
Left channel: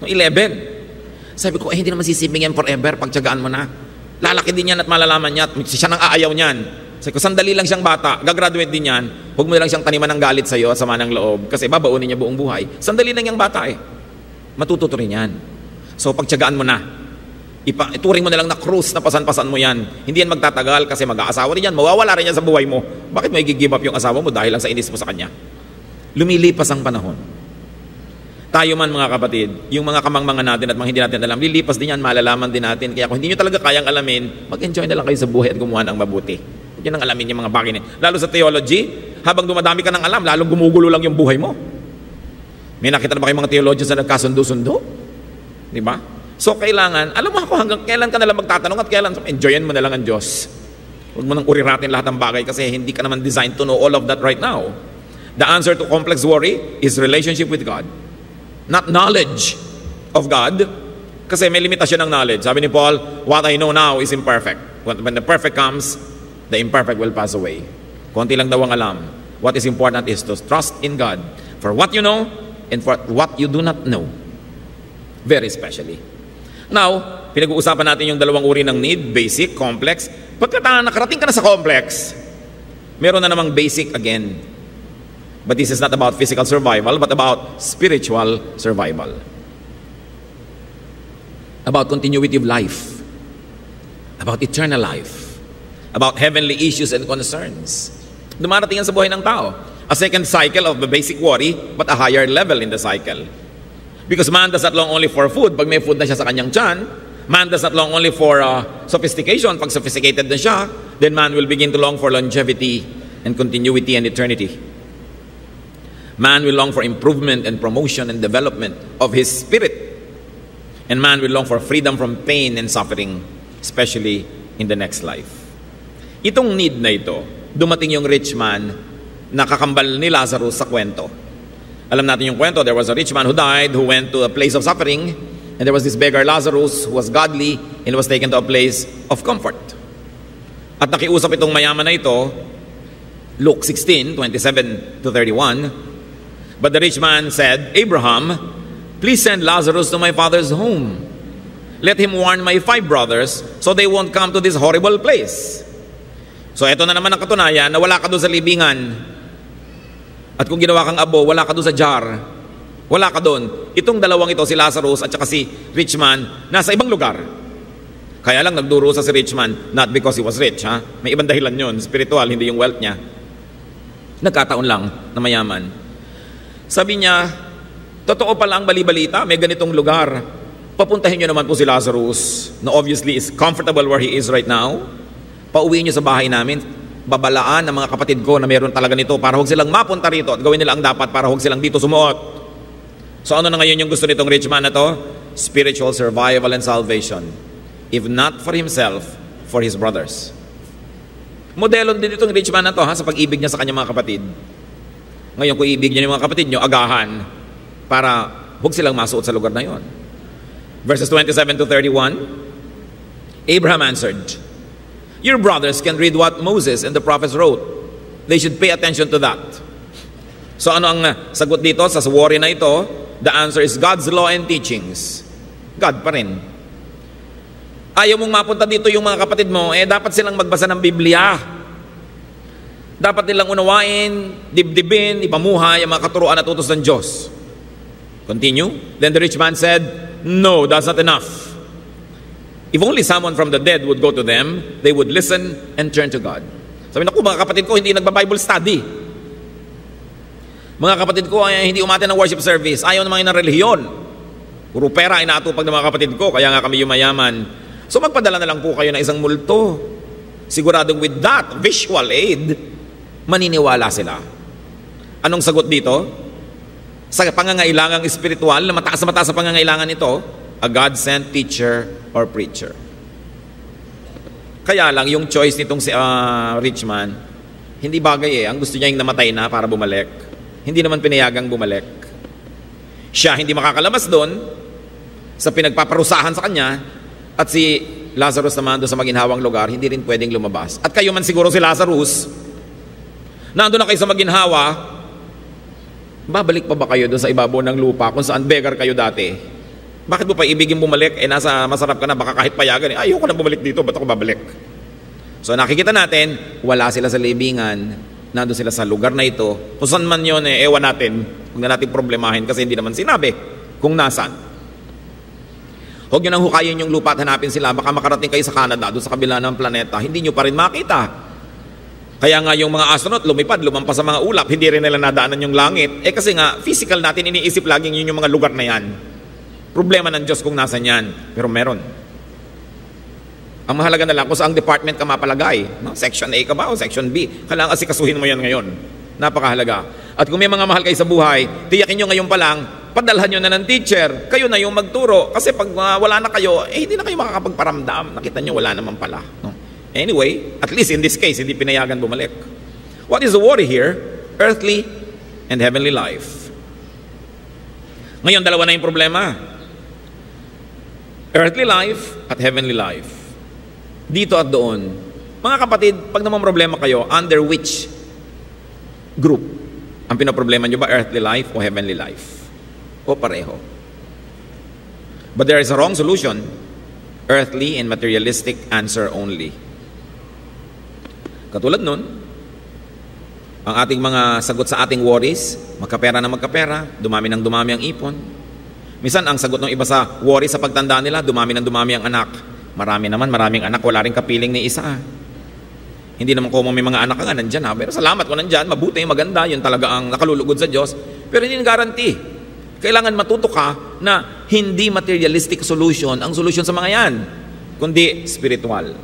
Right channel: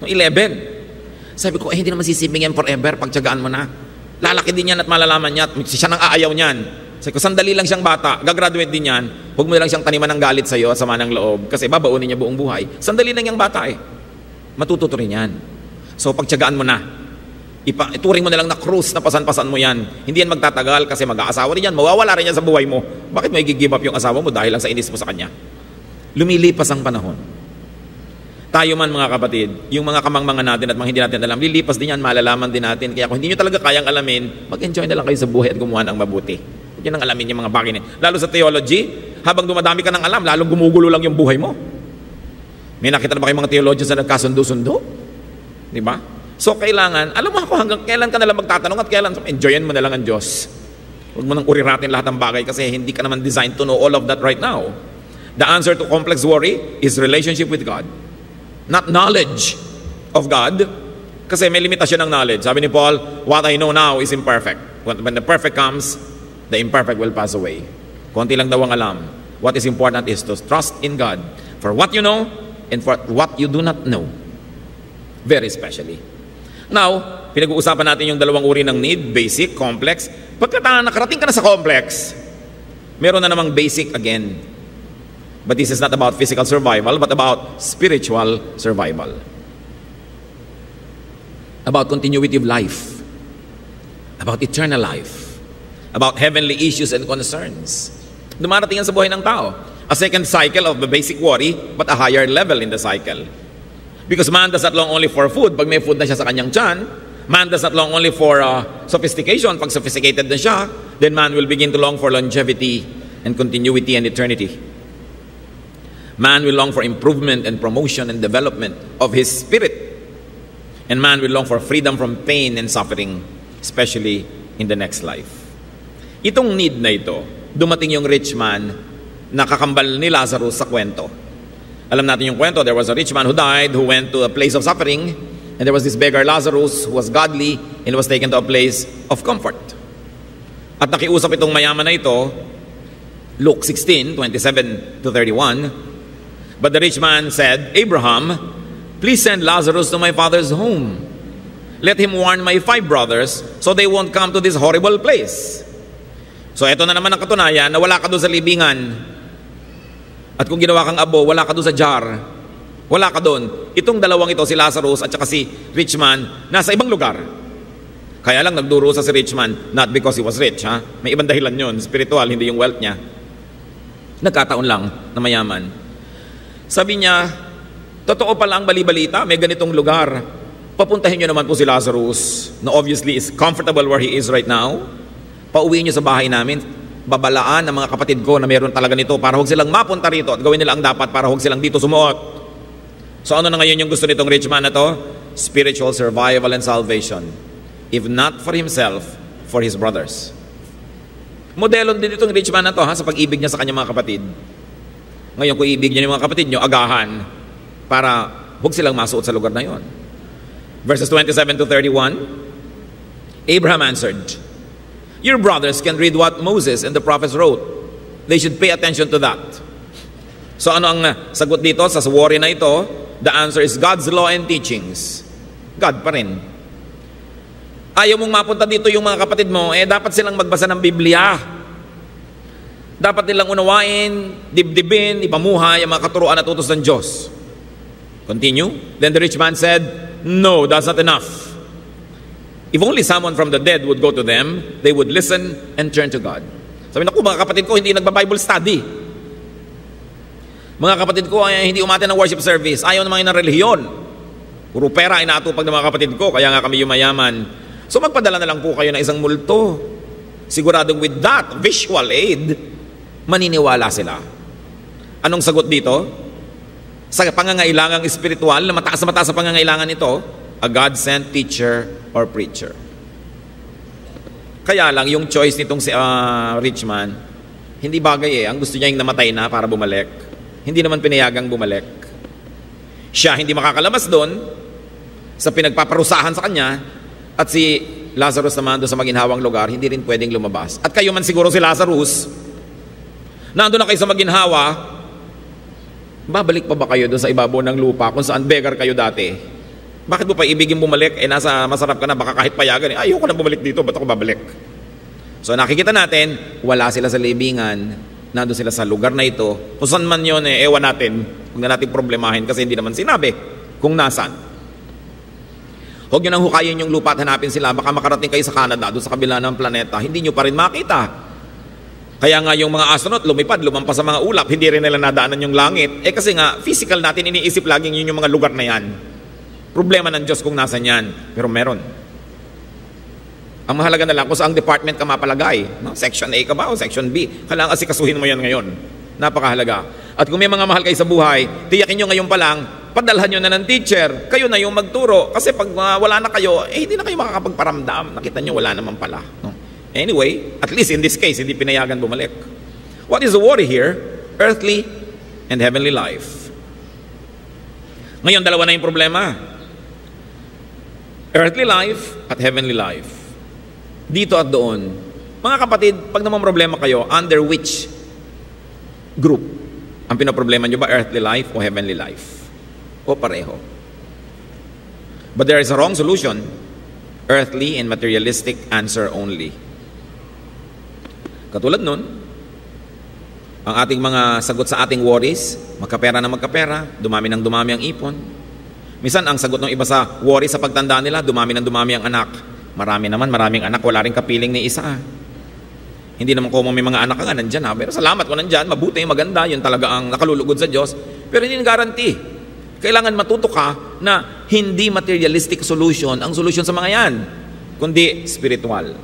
11. Sabi ko, hindi naman sisiping yan forever. Pagtsagaan mo na. Lalaki din yan at malalaman niya. Siya nang aayaw niyan. Sabi ko, sandali lang siyang bata, gagraduate din yan, huwag mo na lang siyang taniman ng galit sa'yo at sama ng loob, kasi babaunin niya buong buhay. Sandali lang yung bata matututo rin yan. So, pagtyagaan mo na, ituring mo na lang na cruise na pasan-pasan mo yan. Hindi yan magtatagal kasi mag-aasawa rin yan, mawawala rin yan sa buhay mo. Bakit may give up yung asawa mo dahil lang sa inis mo sa kanya? Lumilipas ang panahon. Tayo man mga kapatid, yung mga kamangmangan natin at mga hindi natin alam, lilipas din yan, malalaman din natin. Kaya kung hindi nyo talaga kayang alamin, mag-enjoy na lang kayo sa buhay at gumawa ng mabuti. Yun ang alamin yung mga bagay na. Lalo sa theology, habang dumadami ka ng alam, lalong gumugulo lang yung buhay mo. May nakita na ba kayong mga theologians na nagkasundo-sundo? Di ba? So, kailangan, alam mo hanggang kailan ka nalang magtatanong at kailan, enjoyin mo na lang ang Diyos. Huwag mo nang uriratin lahat ng bagay kasi hindi ka naman designed to know all of that right now. The answer to complex worry is relationship with God. Not knowledge of God. Kasi may limitasyon ng knowledge. Sabi ni Paul, what I know now is imperfect. When the perfect comes, the imperfect will pass away. Konti lang daw ang alam. What is important is to trust in God for what you know and for what you do not know. Very specially. Now, pinag-uusapan natin yung dalawang uri ng need, basic, complex. Pagka nakarating ka na sa complex, meron na namang basic again. But this is not about physical survival, but about spiritual survival. About continuity of life. About eternal life. About heavenly issues and concerns. Dumarating yan sa buhay ng tao. A second cycle of the basic worry, but a higher level in the cycle. Because man does not long only for food. Pag may food na siya sa kanyang tiyan, man does not long only for sophistication. Pag sophisticated na siya, then man will begin to long for longevity and continuity and eternity. Man will long for improvement and promotion and development of his spirit. And man will long for freedom from pain and suffering, especially in the next life. Itong need na ito, dumating yung rich man na kakambal ni Lazarus sa kwento. Alam natin yung kwento, there was a rich man who died, who went to a place of suffering, and there was this beggar Lazarus who was godly and was taken to a place of comfort. At nakiusap itong mayaman na ito, Luke 16:27 to 31, but the rich man said, Abraham, please send Lazarus to my father's home. Let him warn my 5 brothers so they won't come to this horrible place. So ito na naman ang katunayan na wala ka doon sa libingan. At kung ginawa kang abo, wala ka doon sa jar. Wala ka doon. Itong dalawang ito, si Lazarus at saka si rich man, nasa ibang lugar. Kaya lang nagdurusa si rich man, not because he was rich, ha? May ibang dahilan yun, spiritual, hindi yung wealth niya. Nagkataon lang na mayaman. Sabi niya, totoo pala ang bali-balita, may ganitong lugar. Papuntahin niyo naman po si Lazarus, na obviously is comfortable where he is right now. Pauwiin niyo sa bahay namin. Babalaan ng mga kapatid ko na meron talaga nito para huwag silang mapunta rito at gawin nila ang dapat para huwag silang dito sumuot. So ano na ngayon yung gusto nitong rich man na to? Spiritual survival and salvation. If not for himself, for his brothers. Modelo din itong rich man na to, ha, sa pag-ibig niya sa kanyang mga kapatid. Ngayon kung ibig niya ng mga kapatid niyo, agahan para huwag silang masuot sa lugar na yon. Verses 27 to 31, Abraham answered, your brothers can read what Moses and the prophets wrote. They should pay attention to that. So ano ang sagot dito sa worry na ito? The answer is God's law and teachings. God pa rin. Ayaw mong mapunta dito yung mga kapatid mo, dapat silang magbasa ng Biblia. Dapat nilang unawain, dibdibin, ipamuhay ang mga katuruan at utos ng Diyos. Continue. Then the rich man said, no, that's not enough. If only someone from the dead would go to them, they would listen and turn to God. Sabi na ko, mga kapatid ko, hindi nagba-Bible study. Mga kapatid ko, hindi umatin ng worship service. Ayaw naman na relihiyon. Puro pera ay natupag ng mga kapatid ko, kaya nga kami yumayaman. So magpadala na lang po kayo ng isang multo. Siguradong with that visual aid, maniniwala sila. Anong sagot dito? Sa pangangailangang espiritual, na mataas sa pangangailangan ito, a God-sent teacher or preacher. Kaya lang, yung choice nitong si rich man, hindi bagay Ang gusto niya yung namatay na para bumalik. Hindi naman pinayagang bumalik. Siya hindi makakalamas doon sa pinagpaparusahan sa kanya, at si Lazarus naman doon sa maginhawang lugar, hindi rin pwedeng lumabas. At kayo man siguro si Lazarus, nandun na kayo sa maginhawa, babalik pa ba kayo doon sa ibabaw ng lupa kung saan beggar kayo dati? Bakit mo pa ibigin bumalik? Nasa masarap ka na, baka kahit payagan. Ayoko na bumalik dito, ba't ako babalik? So nakikita natin, wala sila sa libingan, nandun sila sa lugar na ito. Kung saan man yun, ewan natin. Huwag na natin problemahin kasi hindi naman sinabi kung nasan. Huwag nyo nang hukayin yung lupa at hanapin sila. Baka makarating kayo sa Canada, doon sa kabila ng planeta. Hindi nyo pa rin makita. Kaya nga yung mga astronaut lumipad, lumampas sa mga ulap, hindi rin nila nadaanan yung langit. Kasi nga, physical natin iniisip laging yun yung mga lugar na yan. Problema ng Diyos kung nasan yan. Pero meron. Ang mahalaga na lang kung saang department ka mapalagay. Section A ka ba? Section B. Kailangan kasi kasuhin mo yan ngayon. Napakahalaga. At kung may mga mahal kayo sa buhay, tiyakin nyo ngayon pa lang, padalhan nyo na ng teacher. Kayo na yung magturo. Kasi pag wala na kayo, hindi na kayo makakapagparamdam. Nakita nyo, wala naman pala. No? Anyway, at least in this case, hindi pinayagan bumalik. What is the worry here? Earthly and heavenly life. Ngayon, dalawa na yung problema. Earthly life at heavenly life. Dito at doon. Mga kapatid, pag naman problema kayo, under which group? Ang pinaproblema nyo ba, earthly life o heavenly life? O pareho? But there is a wrong solution. Earthly and materialistic answer only. Katulad nun, ang ating mga sagot sa ating worries, magkapera na magkapera, dumami ng dumami ang ipon. Minsan, ang sagot ng iba sa worry sa pagtanda nila, dumami ng dumami ang anak. Maraming anak, wala rin kapiling ni isa. Hindi naman kung may mga anak ka nga, nandyan pero salamat kung nandyan, mabuti, maganda, yan talaga ang nakalulugod sa Diyos. Pero hindi guarantee. Kailangan matuto ka na hindi materialistic solution ang solution sa mga yan, kundi spiritual.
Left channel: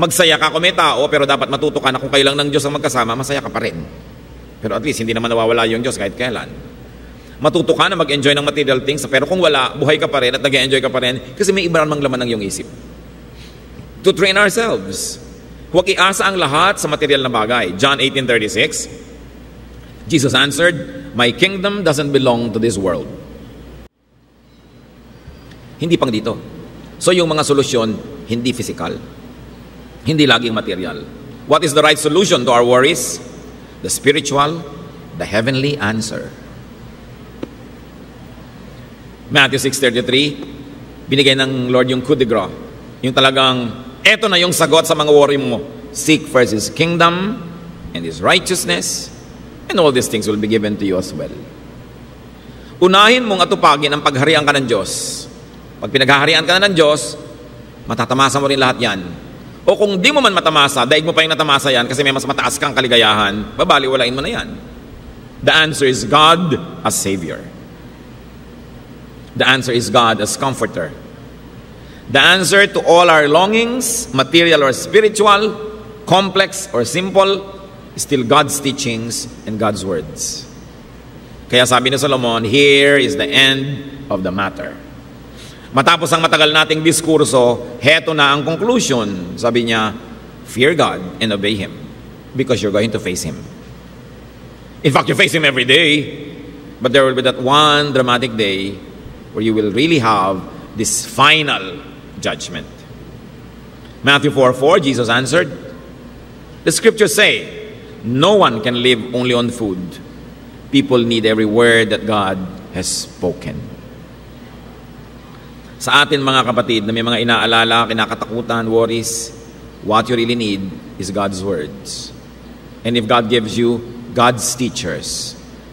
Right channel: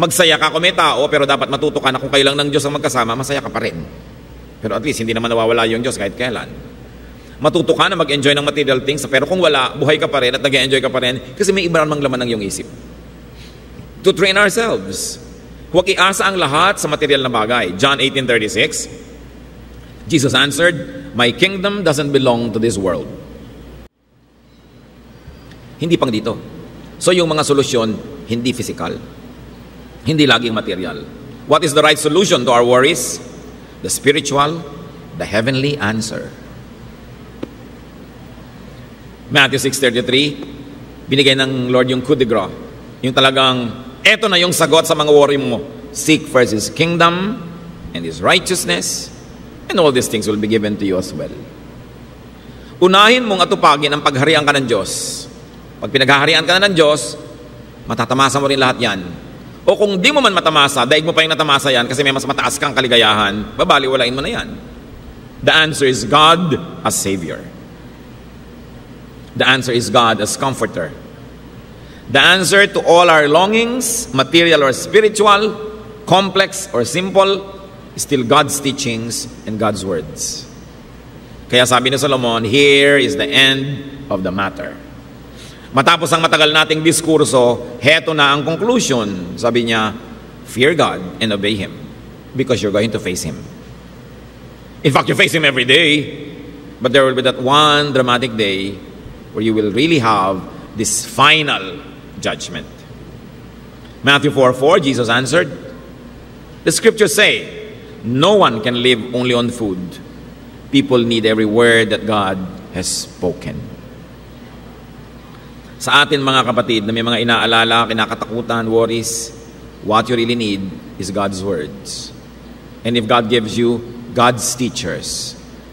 Magsaya ka kung may tao, pero dapat matuto ka na kung kailang ng Diyos ang magkasama, masaya ka pa rin. Pero at least, hindi naman nawawala yung Diyos kahit kailan. Matuto ka na mag-enjoy ng material things, pero kung wala, buhay ka pa rin at nag-enjoy ka pa rin kasi may iba namang laman ng iyong isip. To train ourselves. Huwag iasa ang lahat sa material na bagay. John 18:36, Jesus answered, my kingdom doesn't belong to this world. Hindi pang dito. So yung mga solusyon, hindi physical. Hindi laging material. What is the right solution to our worries? The spiritual, the heavenly answer. Matthew 6:33, binigay ng Lord yung coup de grace. Yung talagang, eto na yung sagot sa mga worry mo. Seek first His kingdom and His righteousness, and all these things will be given to you as well. Unahin mong atupagin ang pagharian ka ng Diyos. Pag pinaghaharian ka ng Diyos, Matatamasa mo rin lahat yan. O kung di mo man matamasa, daig mo pa yung natamasa yan kasi may mas mataas kang kaligayahan, babaliwalain mo na yan. The answer is God as Savior. The answer is God as Comforter. The answer to all our longings, material or spiritual, complex or simple, is still God's teachings and God's words. Kaya sabi ni Solomon, here is the end of the matter. Matapos ang matagal nating diskurso, heto na ang conclusion. Sabi niya, fear God and obey Him because you're going to face Him. In fact, you face Him every day, but there will be that one dramatic day where you will really have this final judgment. Matthew 4:4, Jesus answered, the scriptures say, no one can live only on food. People need every word that God has spoken. Sa atin mga kapatid na may mga inaalala, kinakatakutan, worries, what you really need is God's words. And if God gives you God's teachers,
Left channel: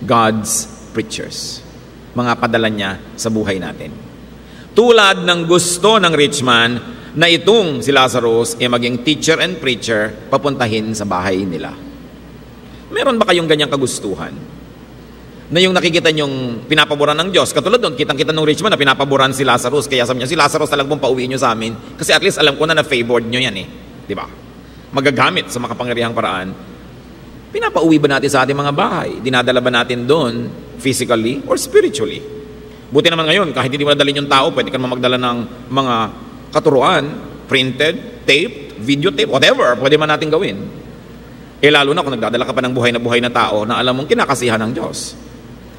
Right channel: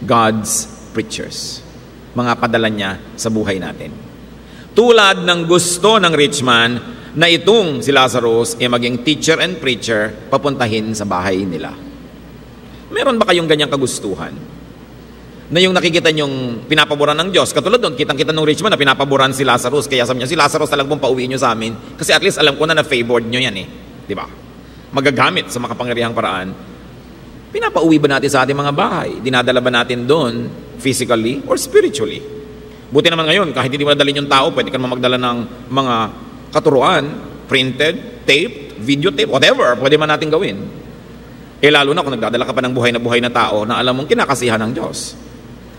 God's preachers, mga padala niya sa buhay natin. Tulad ng gusto ng rich man na itong si Lazarus ay maging teacher and preacher papuntahin sa bahay nila. Meron ba kayong ganyang kagustuhan? Na yung nakikita nyong pinapaboran ng Diyos. Katulad doon, kitang-kita ng rich man na pinapaboran si Lazarus. Kaya sabi niya, si Lazarus talagang pauwi nyo sa amin. Kasi at least alam ko na na-favored nyo yan eh. Diba? Magagamit sa makapangyarihang paraan. Pinapauwi ba natin sa ating mga bahay? Dinadala ba natin doon physically or spiritually? Buti naman ngayon, kahit hindi mo nadalhin yung tao, pwede ka magdala ng mga katuruan, printed, tape, videotape, whatever, pwede man natin gawin. Eh lalo na kung nagdadala ka pa ng buhay na tao na alam mong kinakasihan ng Diyos.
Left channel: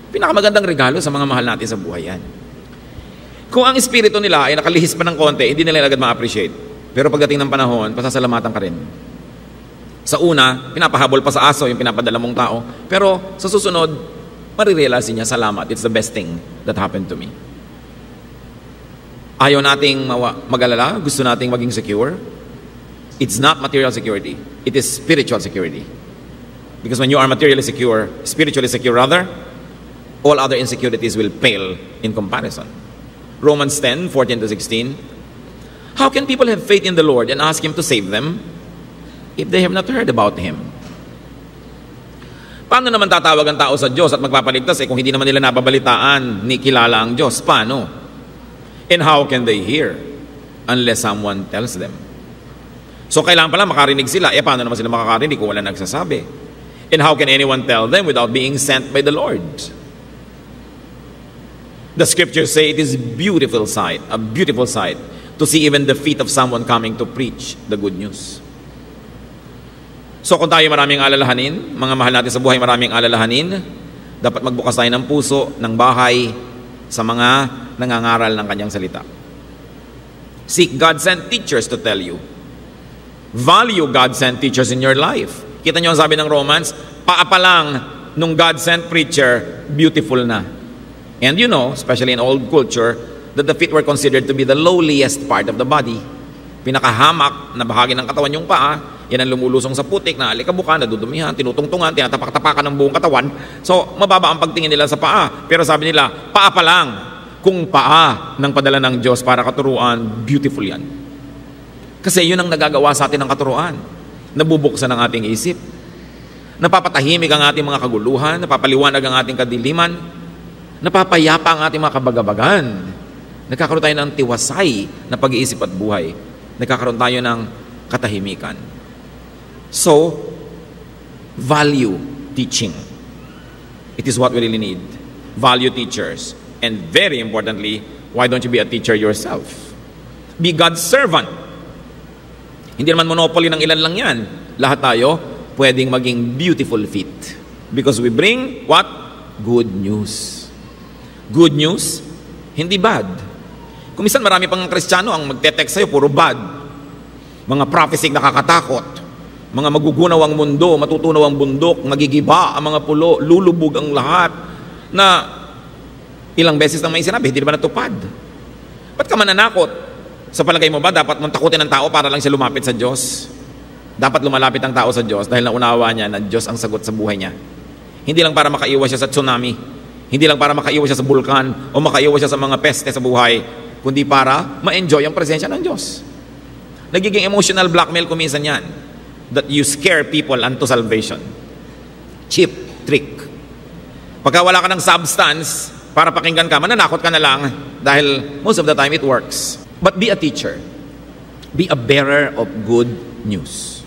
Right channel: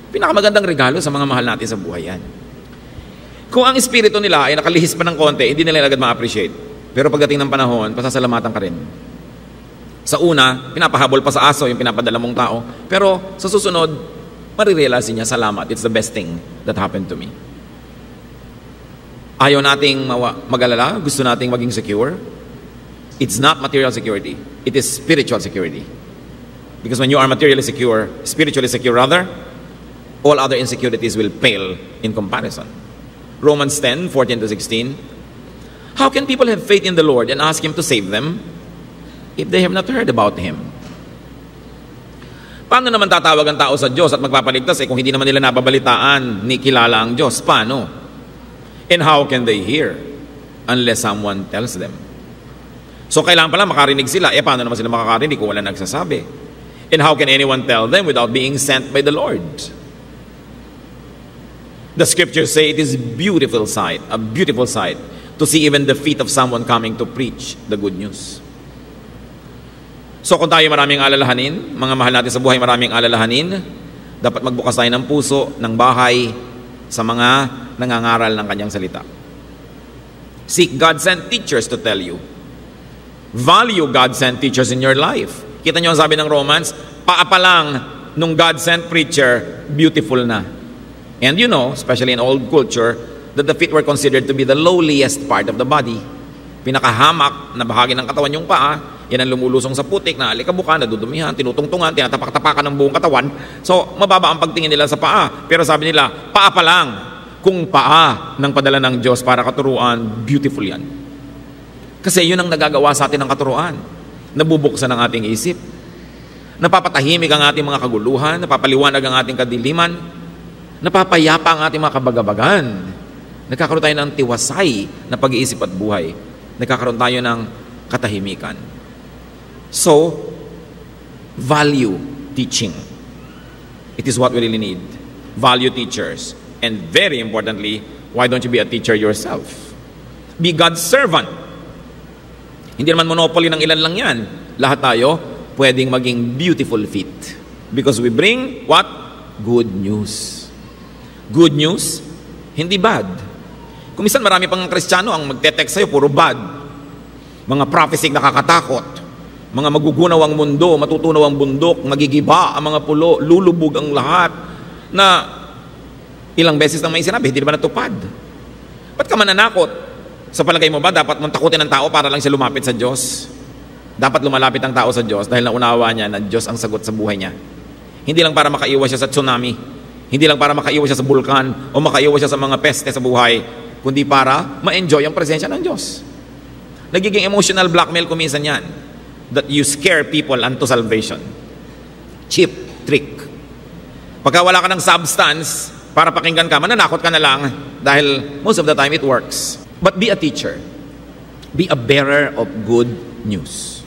Pinakamagandang regalo sa mga mahal natin sa buhay yan. Kung ang espiritu nila ay nakalihis pa ng konti, hindi nila agad ma-appreciate. Pero pagdating ng panahon, pasasalamatan ka rin. Sa una, pinapahabol pa sa aso yung pinapadala mong tao. Pero sa susunod, marirealize niya, salamat, it's the best thing that happened to me. Ayaw nating mag-alala, gusto nating maging secure. It's not material security. It is spiritual security. Because when you are materially secure, spiritually secure rather, all other insecurities will pale in comparison. Romans 10:14-16. How can people have faith in the Lord and ask Him to save them if they have not heard about Him? Paano naman tatawag ang tao sa Diyos at magpapaligtas kung hindi naman nila nababalitaan ni kilala ang Diyos? Paano? And how can they hear unless someone tells them? So kailangan pala makarinig sila. Paano naman sila makakarinig kung wala nagsasabi? And how can anyone tell them without being sent by the Lord? The scriptures say it is a beautiful sight to see even the feet of someone coming to preach the good news. So kung tayo maraming alalahanin, mga mahal natin sa buhay maraming alalahanin, dapat magbukas tayo ng puso, ng bahay, sa mga nangangaral ng kanyang salita. Seek God-sent teachers to tell you. Value God-sent teachers in your life. Kita nyo ang sabi ng Romans, paa pa lang nung God-sent preacher, beautiful na. And you know, especially in old culture, that the feet were considered to be the lowliest part of the body. Pinakahamak na bahagi ng katawan yung paa, yan ang lumulusong sa putik, na alikabukan, nadudumihan, tinutungtungan, tinatapak-tapakan ng buong katawan. So, mababa ang pagtingin nila sa paa. Pero sabi nila, paa pa lang. Kung paa ng padala ng Diyos para katuruan, beautiful yan. Kasi yun ang nagagawa sa atin ng katuruan. Nabubuksan ang ating isip. Napapatahimik ang ating mga kaguluhan, napapaliwanag ang ating kadiliman, napapayapa ang ating mga kabagabagan. Nagkakaroon tayo ng tiwasay na pag-iisip at buhay. Nagkakaroon tayo ng katahimikan. So, value teaching. It is what we really need. Value teachers. And very importantly, why don't you be a teacher yourself? Be God's servant. Hindi naman monopoly ng ilan lang yan. Lahat tayo pwedeng maging beautiful feet. Because we bring what? Good news. Good news, hindi bad. Kung minsan marami pang Kristiyano ang magte-text sa'yo, puro bad. Mga prophecy nakakatakot. Mga magugunaw ang mundo, matutunaw ang bundok, magigiba ang mga pulo, lulubog ang lahat. Na ilang beses nang may sinabi, hindi ba natupad? Ba't ka mananakot? Sa palagay mo ba, dapat mong takutin ang tao para lang siya lumapit sa Diyos? Dapat lumalapit ang tao sa Diyos dahil naunawa niya na Diyos ang sagot sa buhay niya. Hindi lang para makaiwas siya sa tsunami. Hindi lang para makaiwas siya sa bulkan o makaiwas siya sa mga peste sa buhay, kundi para ma-enjoy ang presensya ng Diyos. Nagiging emotional blackmail kuminsan yan. That you scare people unto salvation. Cheap trick. Pagka wala ka ng substance, para pakinggan ka, mananakot ka na lang dahil most of the time it works. But be a teacher. Be a bearer of good news.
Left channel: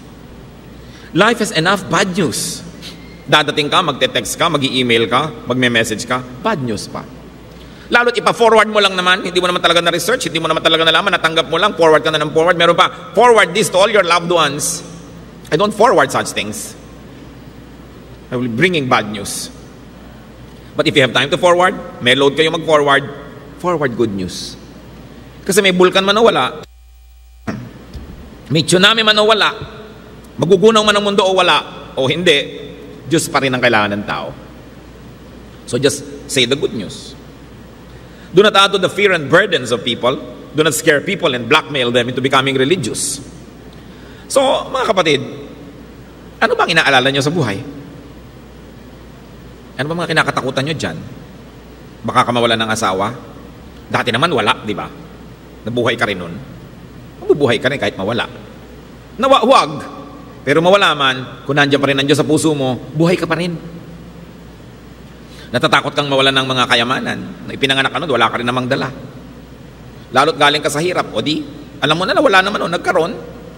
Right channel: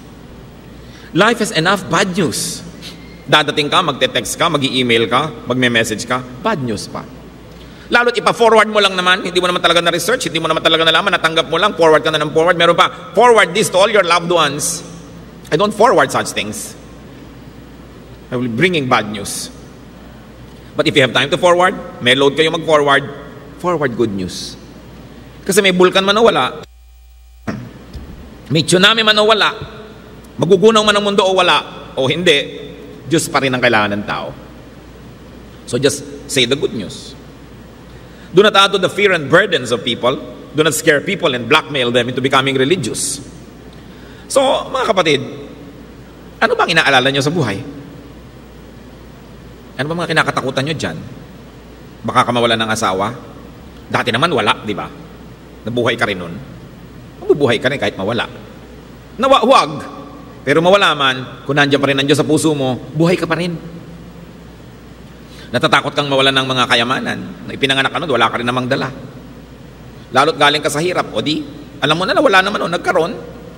Life has enough bad news. Dadating ka, magte-text ka, mag-i-email ka, magme-message ka, bad news pa. Lalo't ipa-forward mo lang naman, hindi mo naman talaga na-research, hindi mo naman talaga nalaman, natanggap mo lang, forward ka na ng forward. Meron pa, forward this to all your loved ones. I don't forward such things. I will bringing bad news. But if you have time to forward, may load kayo mag-forward, forward good news. Kasi may bulkan man o wala, may tsunami man o wala, magugunaw man ang mundo o wala, o hindi, Diyos pa rin ang kailangan ng tao. So just say the good news. Do not add to the fear and burdens of people. Do not scare people and blackmail them into becoming religious. So, mga kapatid, ano bang inaalala nyo sa buhay? Ano ba mga kinakatakutan nyo dyan? Baka ka mawalan ng asawa? Dati naman wala, di ba? Nabuhay ka rin nun. Mabubuhay ka rin kahit mawala. Huwag. Pero mawala man, kung nandiyan pa rin ang Diyos sa puso mo, buhay ka pa rin. Natatakot kang mawalan ng mga kayamanan. Na ipinanganak ka nun, wala ka rin namang dala. Lalo't galing ka sa hirap, o di, alam mo na wala naman o nagkaroon,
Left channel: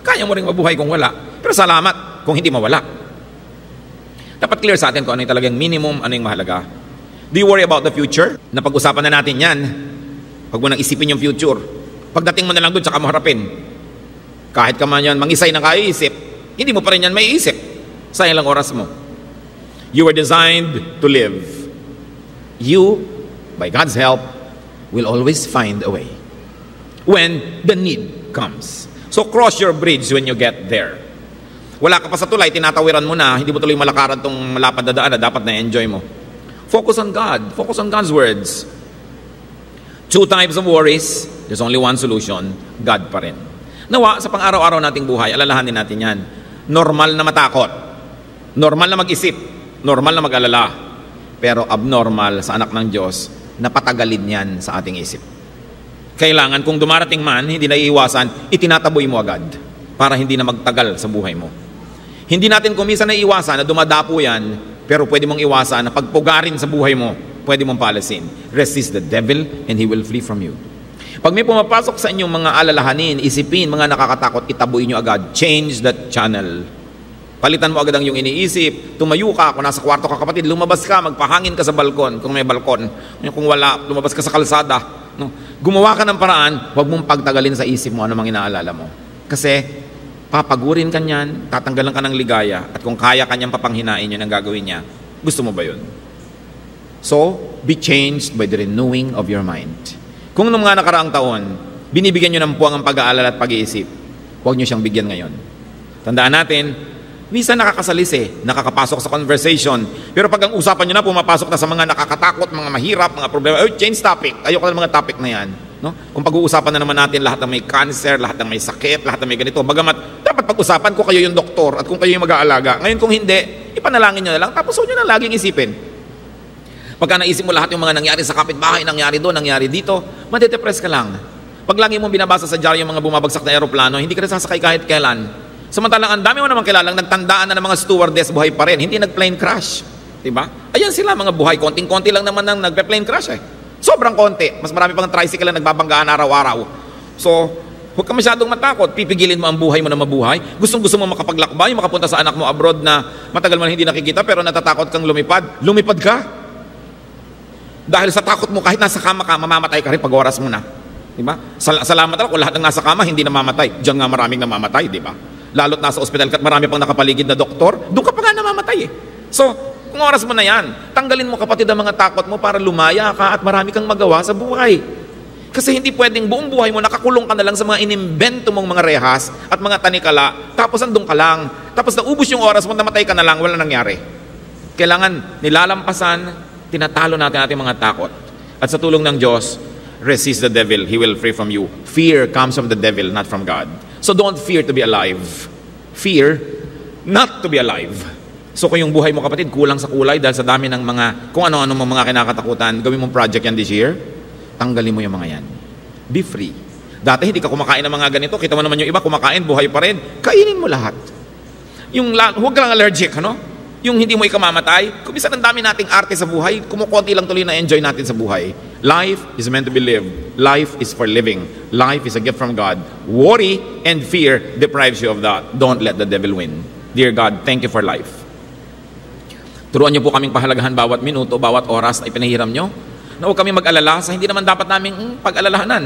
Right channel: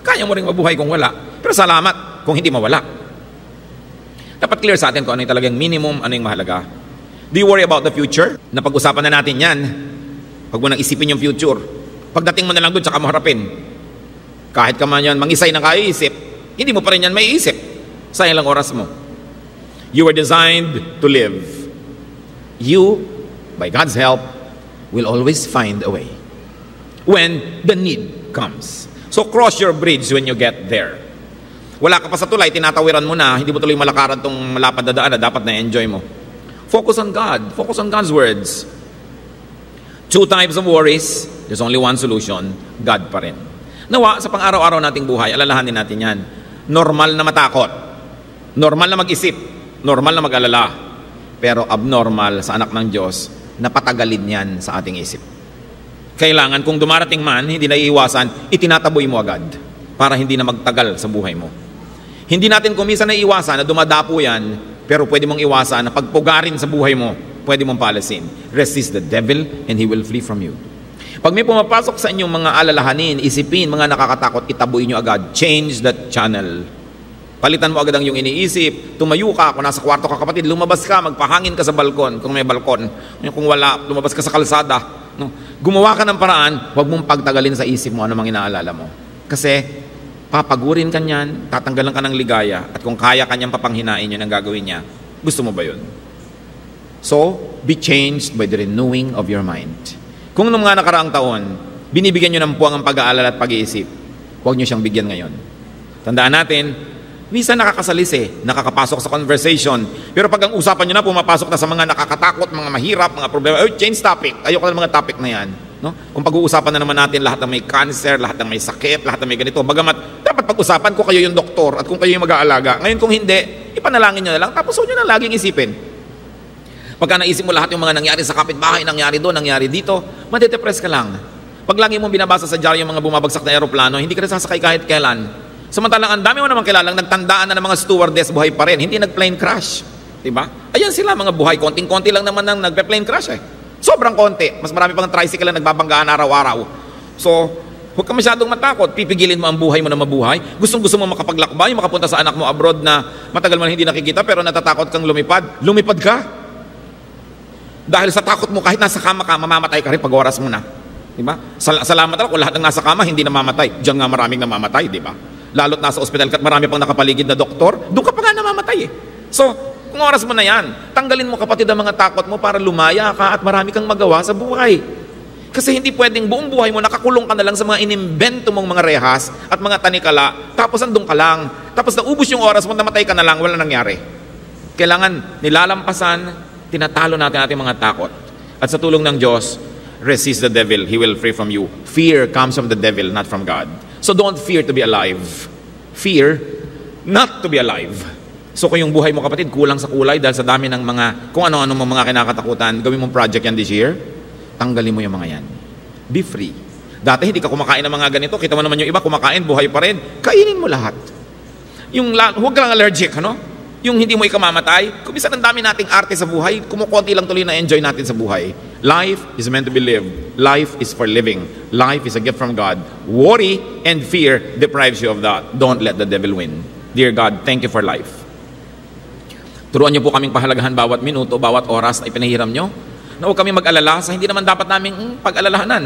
kaya mo rin mabuhay kung wala. Pero salamat kung hindi mawala. Dapat clear sa atin kung ano yung talagang minimum, ano yung mahalaga. Do you worry about the future? Napag-usapan na natin yan. Pag mo nang isipin yung future, pagdating mo na lang doon, saka mo harapin. Kahit ka man yan, mangisay na kaiisip, hindi mo pa rin yan maiisip. Sa ilang oras mo. You were designed to live. You, by God's help, will always find a way. When the need comes. So cross your bridge when you get there. Wala ka pa sa tulay, tinatawiran mo na, hindi mo tuloy malakaran tong malapad na daan na dapat na-enjoy mo. Focus on God. Focus on God's words. 2 types of worries. There's only one solution. God pa rin. Nawa, sa pang-araw-araw nating buhay, alalahanin natin yan. Normal na matakot. Normal na mag-isip. Normal na mag-alala. Pero abnormal sa anak ng Diyos, napatagalin yan sa ating isip. Kailangan, kung dumarating man, hindi na iiwasan, itinataboy mo agad para hindi na magtagal sa buhay mo. Hindi natin kumisa na iwasan na dumadapo yan, pero pwede mong iwasan na pagpugarin sa buhay mo, pwede mong palasin. Resist the devil and he will flee from you. Pag may pumapasok sa inyong mga alalahanin, isipin, mga nakakatakot, itaboy nyo agad. Change that channel. Palitan mo agad ang iyong iniisip. Tumayo ka, kung nasa kwarto ka kapatid, lumabas ka, magpahangin ka sa balkon, kung may balkon. Kung wala, lumabas ka sa kalsada. No? Gumawa ka ng paraan, huwag mong pagtagalin sa isip mo ano mang inaalala mo. Kasi, papagurin ka niyan, tatanggalan ka ng ligaya, at kung kaya ka niyang papanghinain yun ang gagawin niya, gusto mo ba yun? So, be changed by the renewing of your mind. Kung noong mga nakaraang taon, binibigyan nyo ng puwang ang pag-aalala at pag-iisip, huwag nyo siyang bigyan ngayon. Tandaan natin, minsan nakakasalis nakakapasok sa conversation, pero pag ang usapan nyo na, pumapasok na sa mga nakakatakot, mga mahirap, mga problema, change topic. Ayoko na mga topic na yan. Kung pag-uusapan na naman natin lahat ng may cancer, lahat ng may sakit, lahat ng may ganito, bagamat dapat pag-usapan kung kayo yung doktor at kung kayo yung mag-aalaga. Ngayon kung hindi, ipanalangin nyo na lang, tapos nyo na laging isipin. Pagka naisip mo lahat yung mga nangyari sa kapitbahay, nangyari doon, nangyari dito, madedepress ka lang. Pag lagi mong binabasa sa dyaryo yung mga bumabagsak na aeroplano, hindi ka nasasakay kahit kailan. Samantalang ang dami mo naman kilalang nagtandaan na ng mga stewardess buhay pa rin, hindi nag-plane crash. Diba? Ayan sila mga buhay, konting-konti lang naman nang nagpe-plane crash Sobrang konti. Mas marami pang tricycle na nagbabanggaan araw-araw. So, huwag ka masyadong matakot. Pipigilin mo ang buhay mo na mabuhay. Gustong-gusto mo makapaglakbay, makapunta sa anak mo abroad na matagal mo na hindi nakikita pero natatakot kang lumipad. Lumipad ka. Dahil sa takot mo, kahit nasa kama ka, mamamatay ka rin pag oras mo na. Diba? Salamat lang kung lahat ng nasa kama, hindi namamatay. Diyan nga maraming namamatay, diba? Lalo't nasa ospital ka at marami pang nakapaligid na doktor, doon ka pa nga namamatay So, kung oras mo na yan, tanggalin mo kapatid ang mga takot mo para lumaya ka at marami kang magawa sa buhay. Kasi hindi pwedeng buong buhay mo, nakakulong ka na lang sa mga inimbento mong mga rehas at mga tanikala, tapos andun ka lang. Tapos naubos yung oras mo, namatay ka na lang, wala nangyari. Kailangan nilalampasan, tinatalo natin ating mga takot. At sa tulong ng Diyos, resist the devil, he will free from you. Fear comes from the devil, not from God. So don't fear to be alive. Fear not to be alive. So kung yung buhay mo kapatid, kulang sa kulay dahil sa dami ng mga, kung ano-ano mga kinakatakutan, gawin mong project yan this year, tanggalin mo yung mga yan. Be free. Dati hindi ka kumakain ng mga ganito. Kita mo naman yung iba kumakain, buhay pa rin. Kainin mo lahat. Huwag kang allergic, ano? Yung hindi mo ikamamatay. Kung minsan ang dami nating arte sa buhay, kumukunti lang tuloy na enjoy natin sa buhay. Life is meant to be lived. Life is for living. Life is a gift from God. Worry and fear deprives you of that. Don't let the devil win. Dear God, thank you for life. Turuan niyo po kaming pahalagahan bawat minuto, bawat oras ay pinahiram niyo. Na huwag kami mag-alala sa hindi naman dapat naming pag-alalahanan.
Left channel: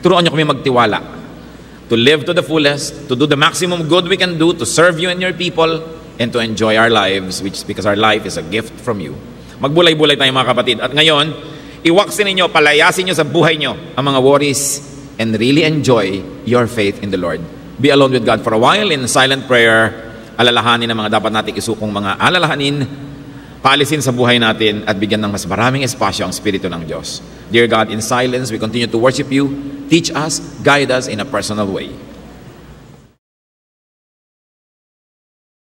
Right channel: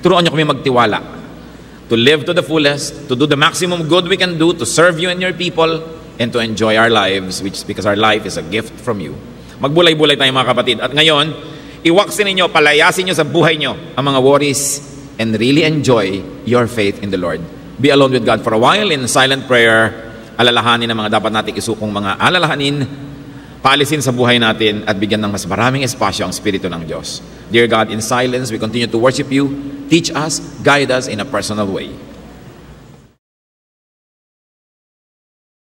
Turuan niyo kami magtiwala. To live to the fullest, to do the maximum good we can do, to serve you and your people, and to enjoy our lives, which is because our life is a gift from you. Magbulay-bulay tayo mga kapatid. At ngayon, iwaksin ninyo, palayasin nyo sa buhay nyo ang mga worries and really enjoy your faith in the Lord. Be alone with God for a while in silent prayer. Alalahanin ang mga dapat nating isukong mga alalahanin, paalisin sa buhay natin at bigyan ng mas maraming espasyo ang Espiritu ng Diyos. Dear God, in silence, we continue to worship you. Teach us, guide us in a personal way.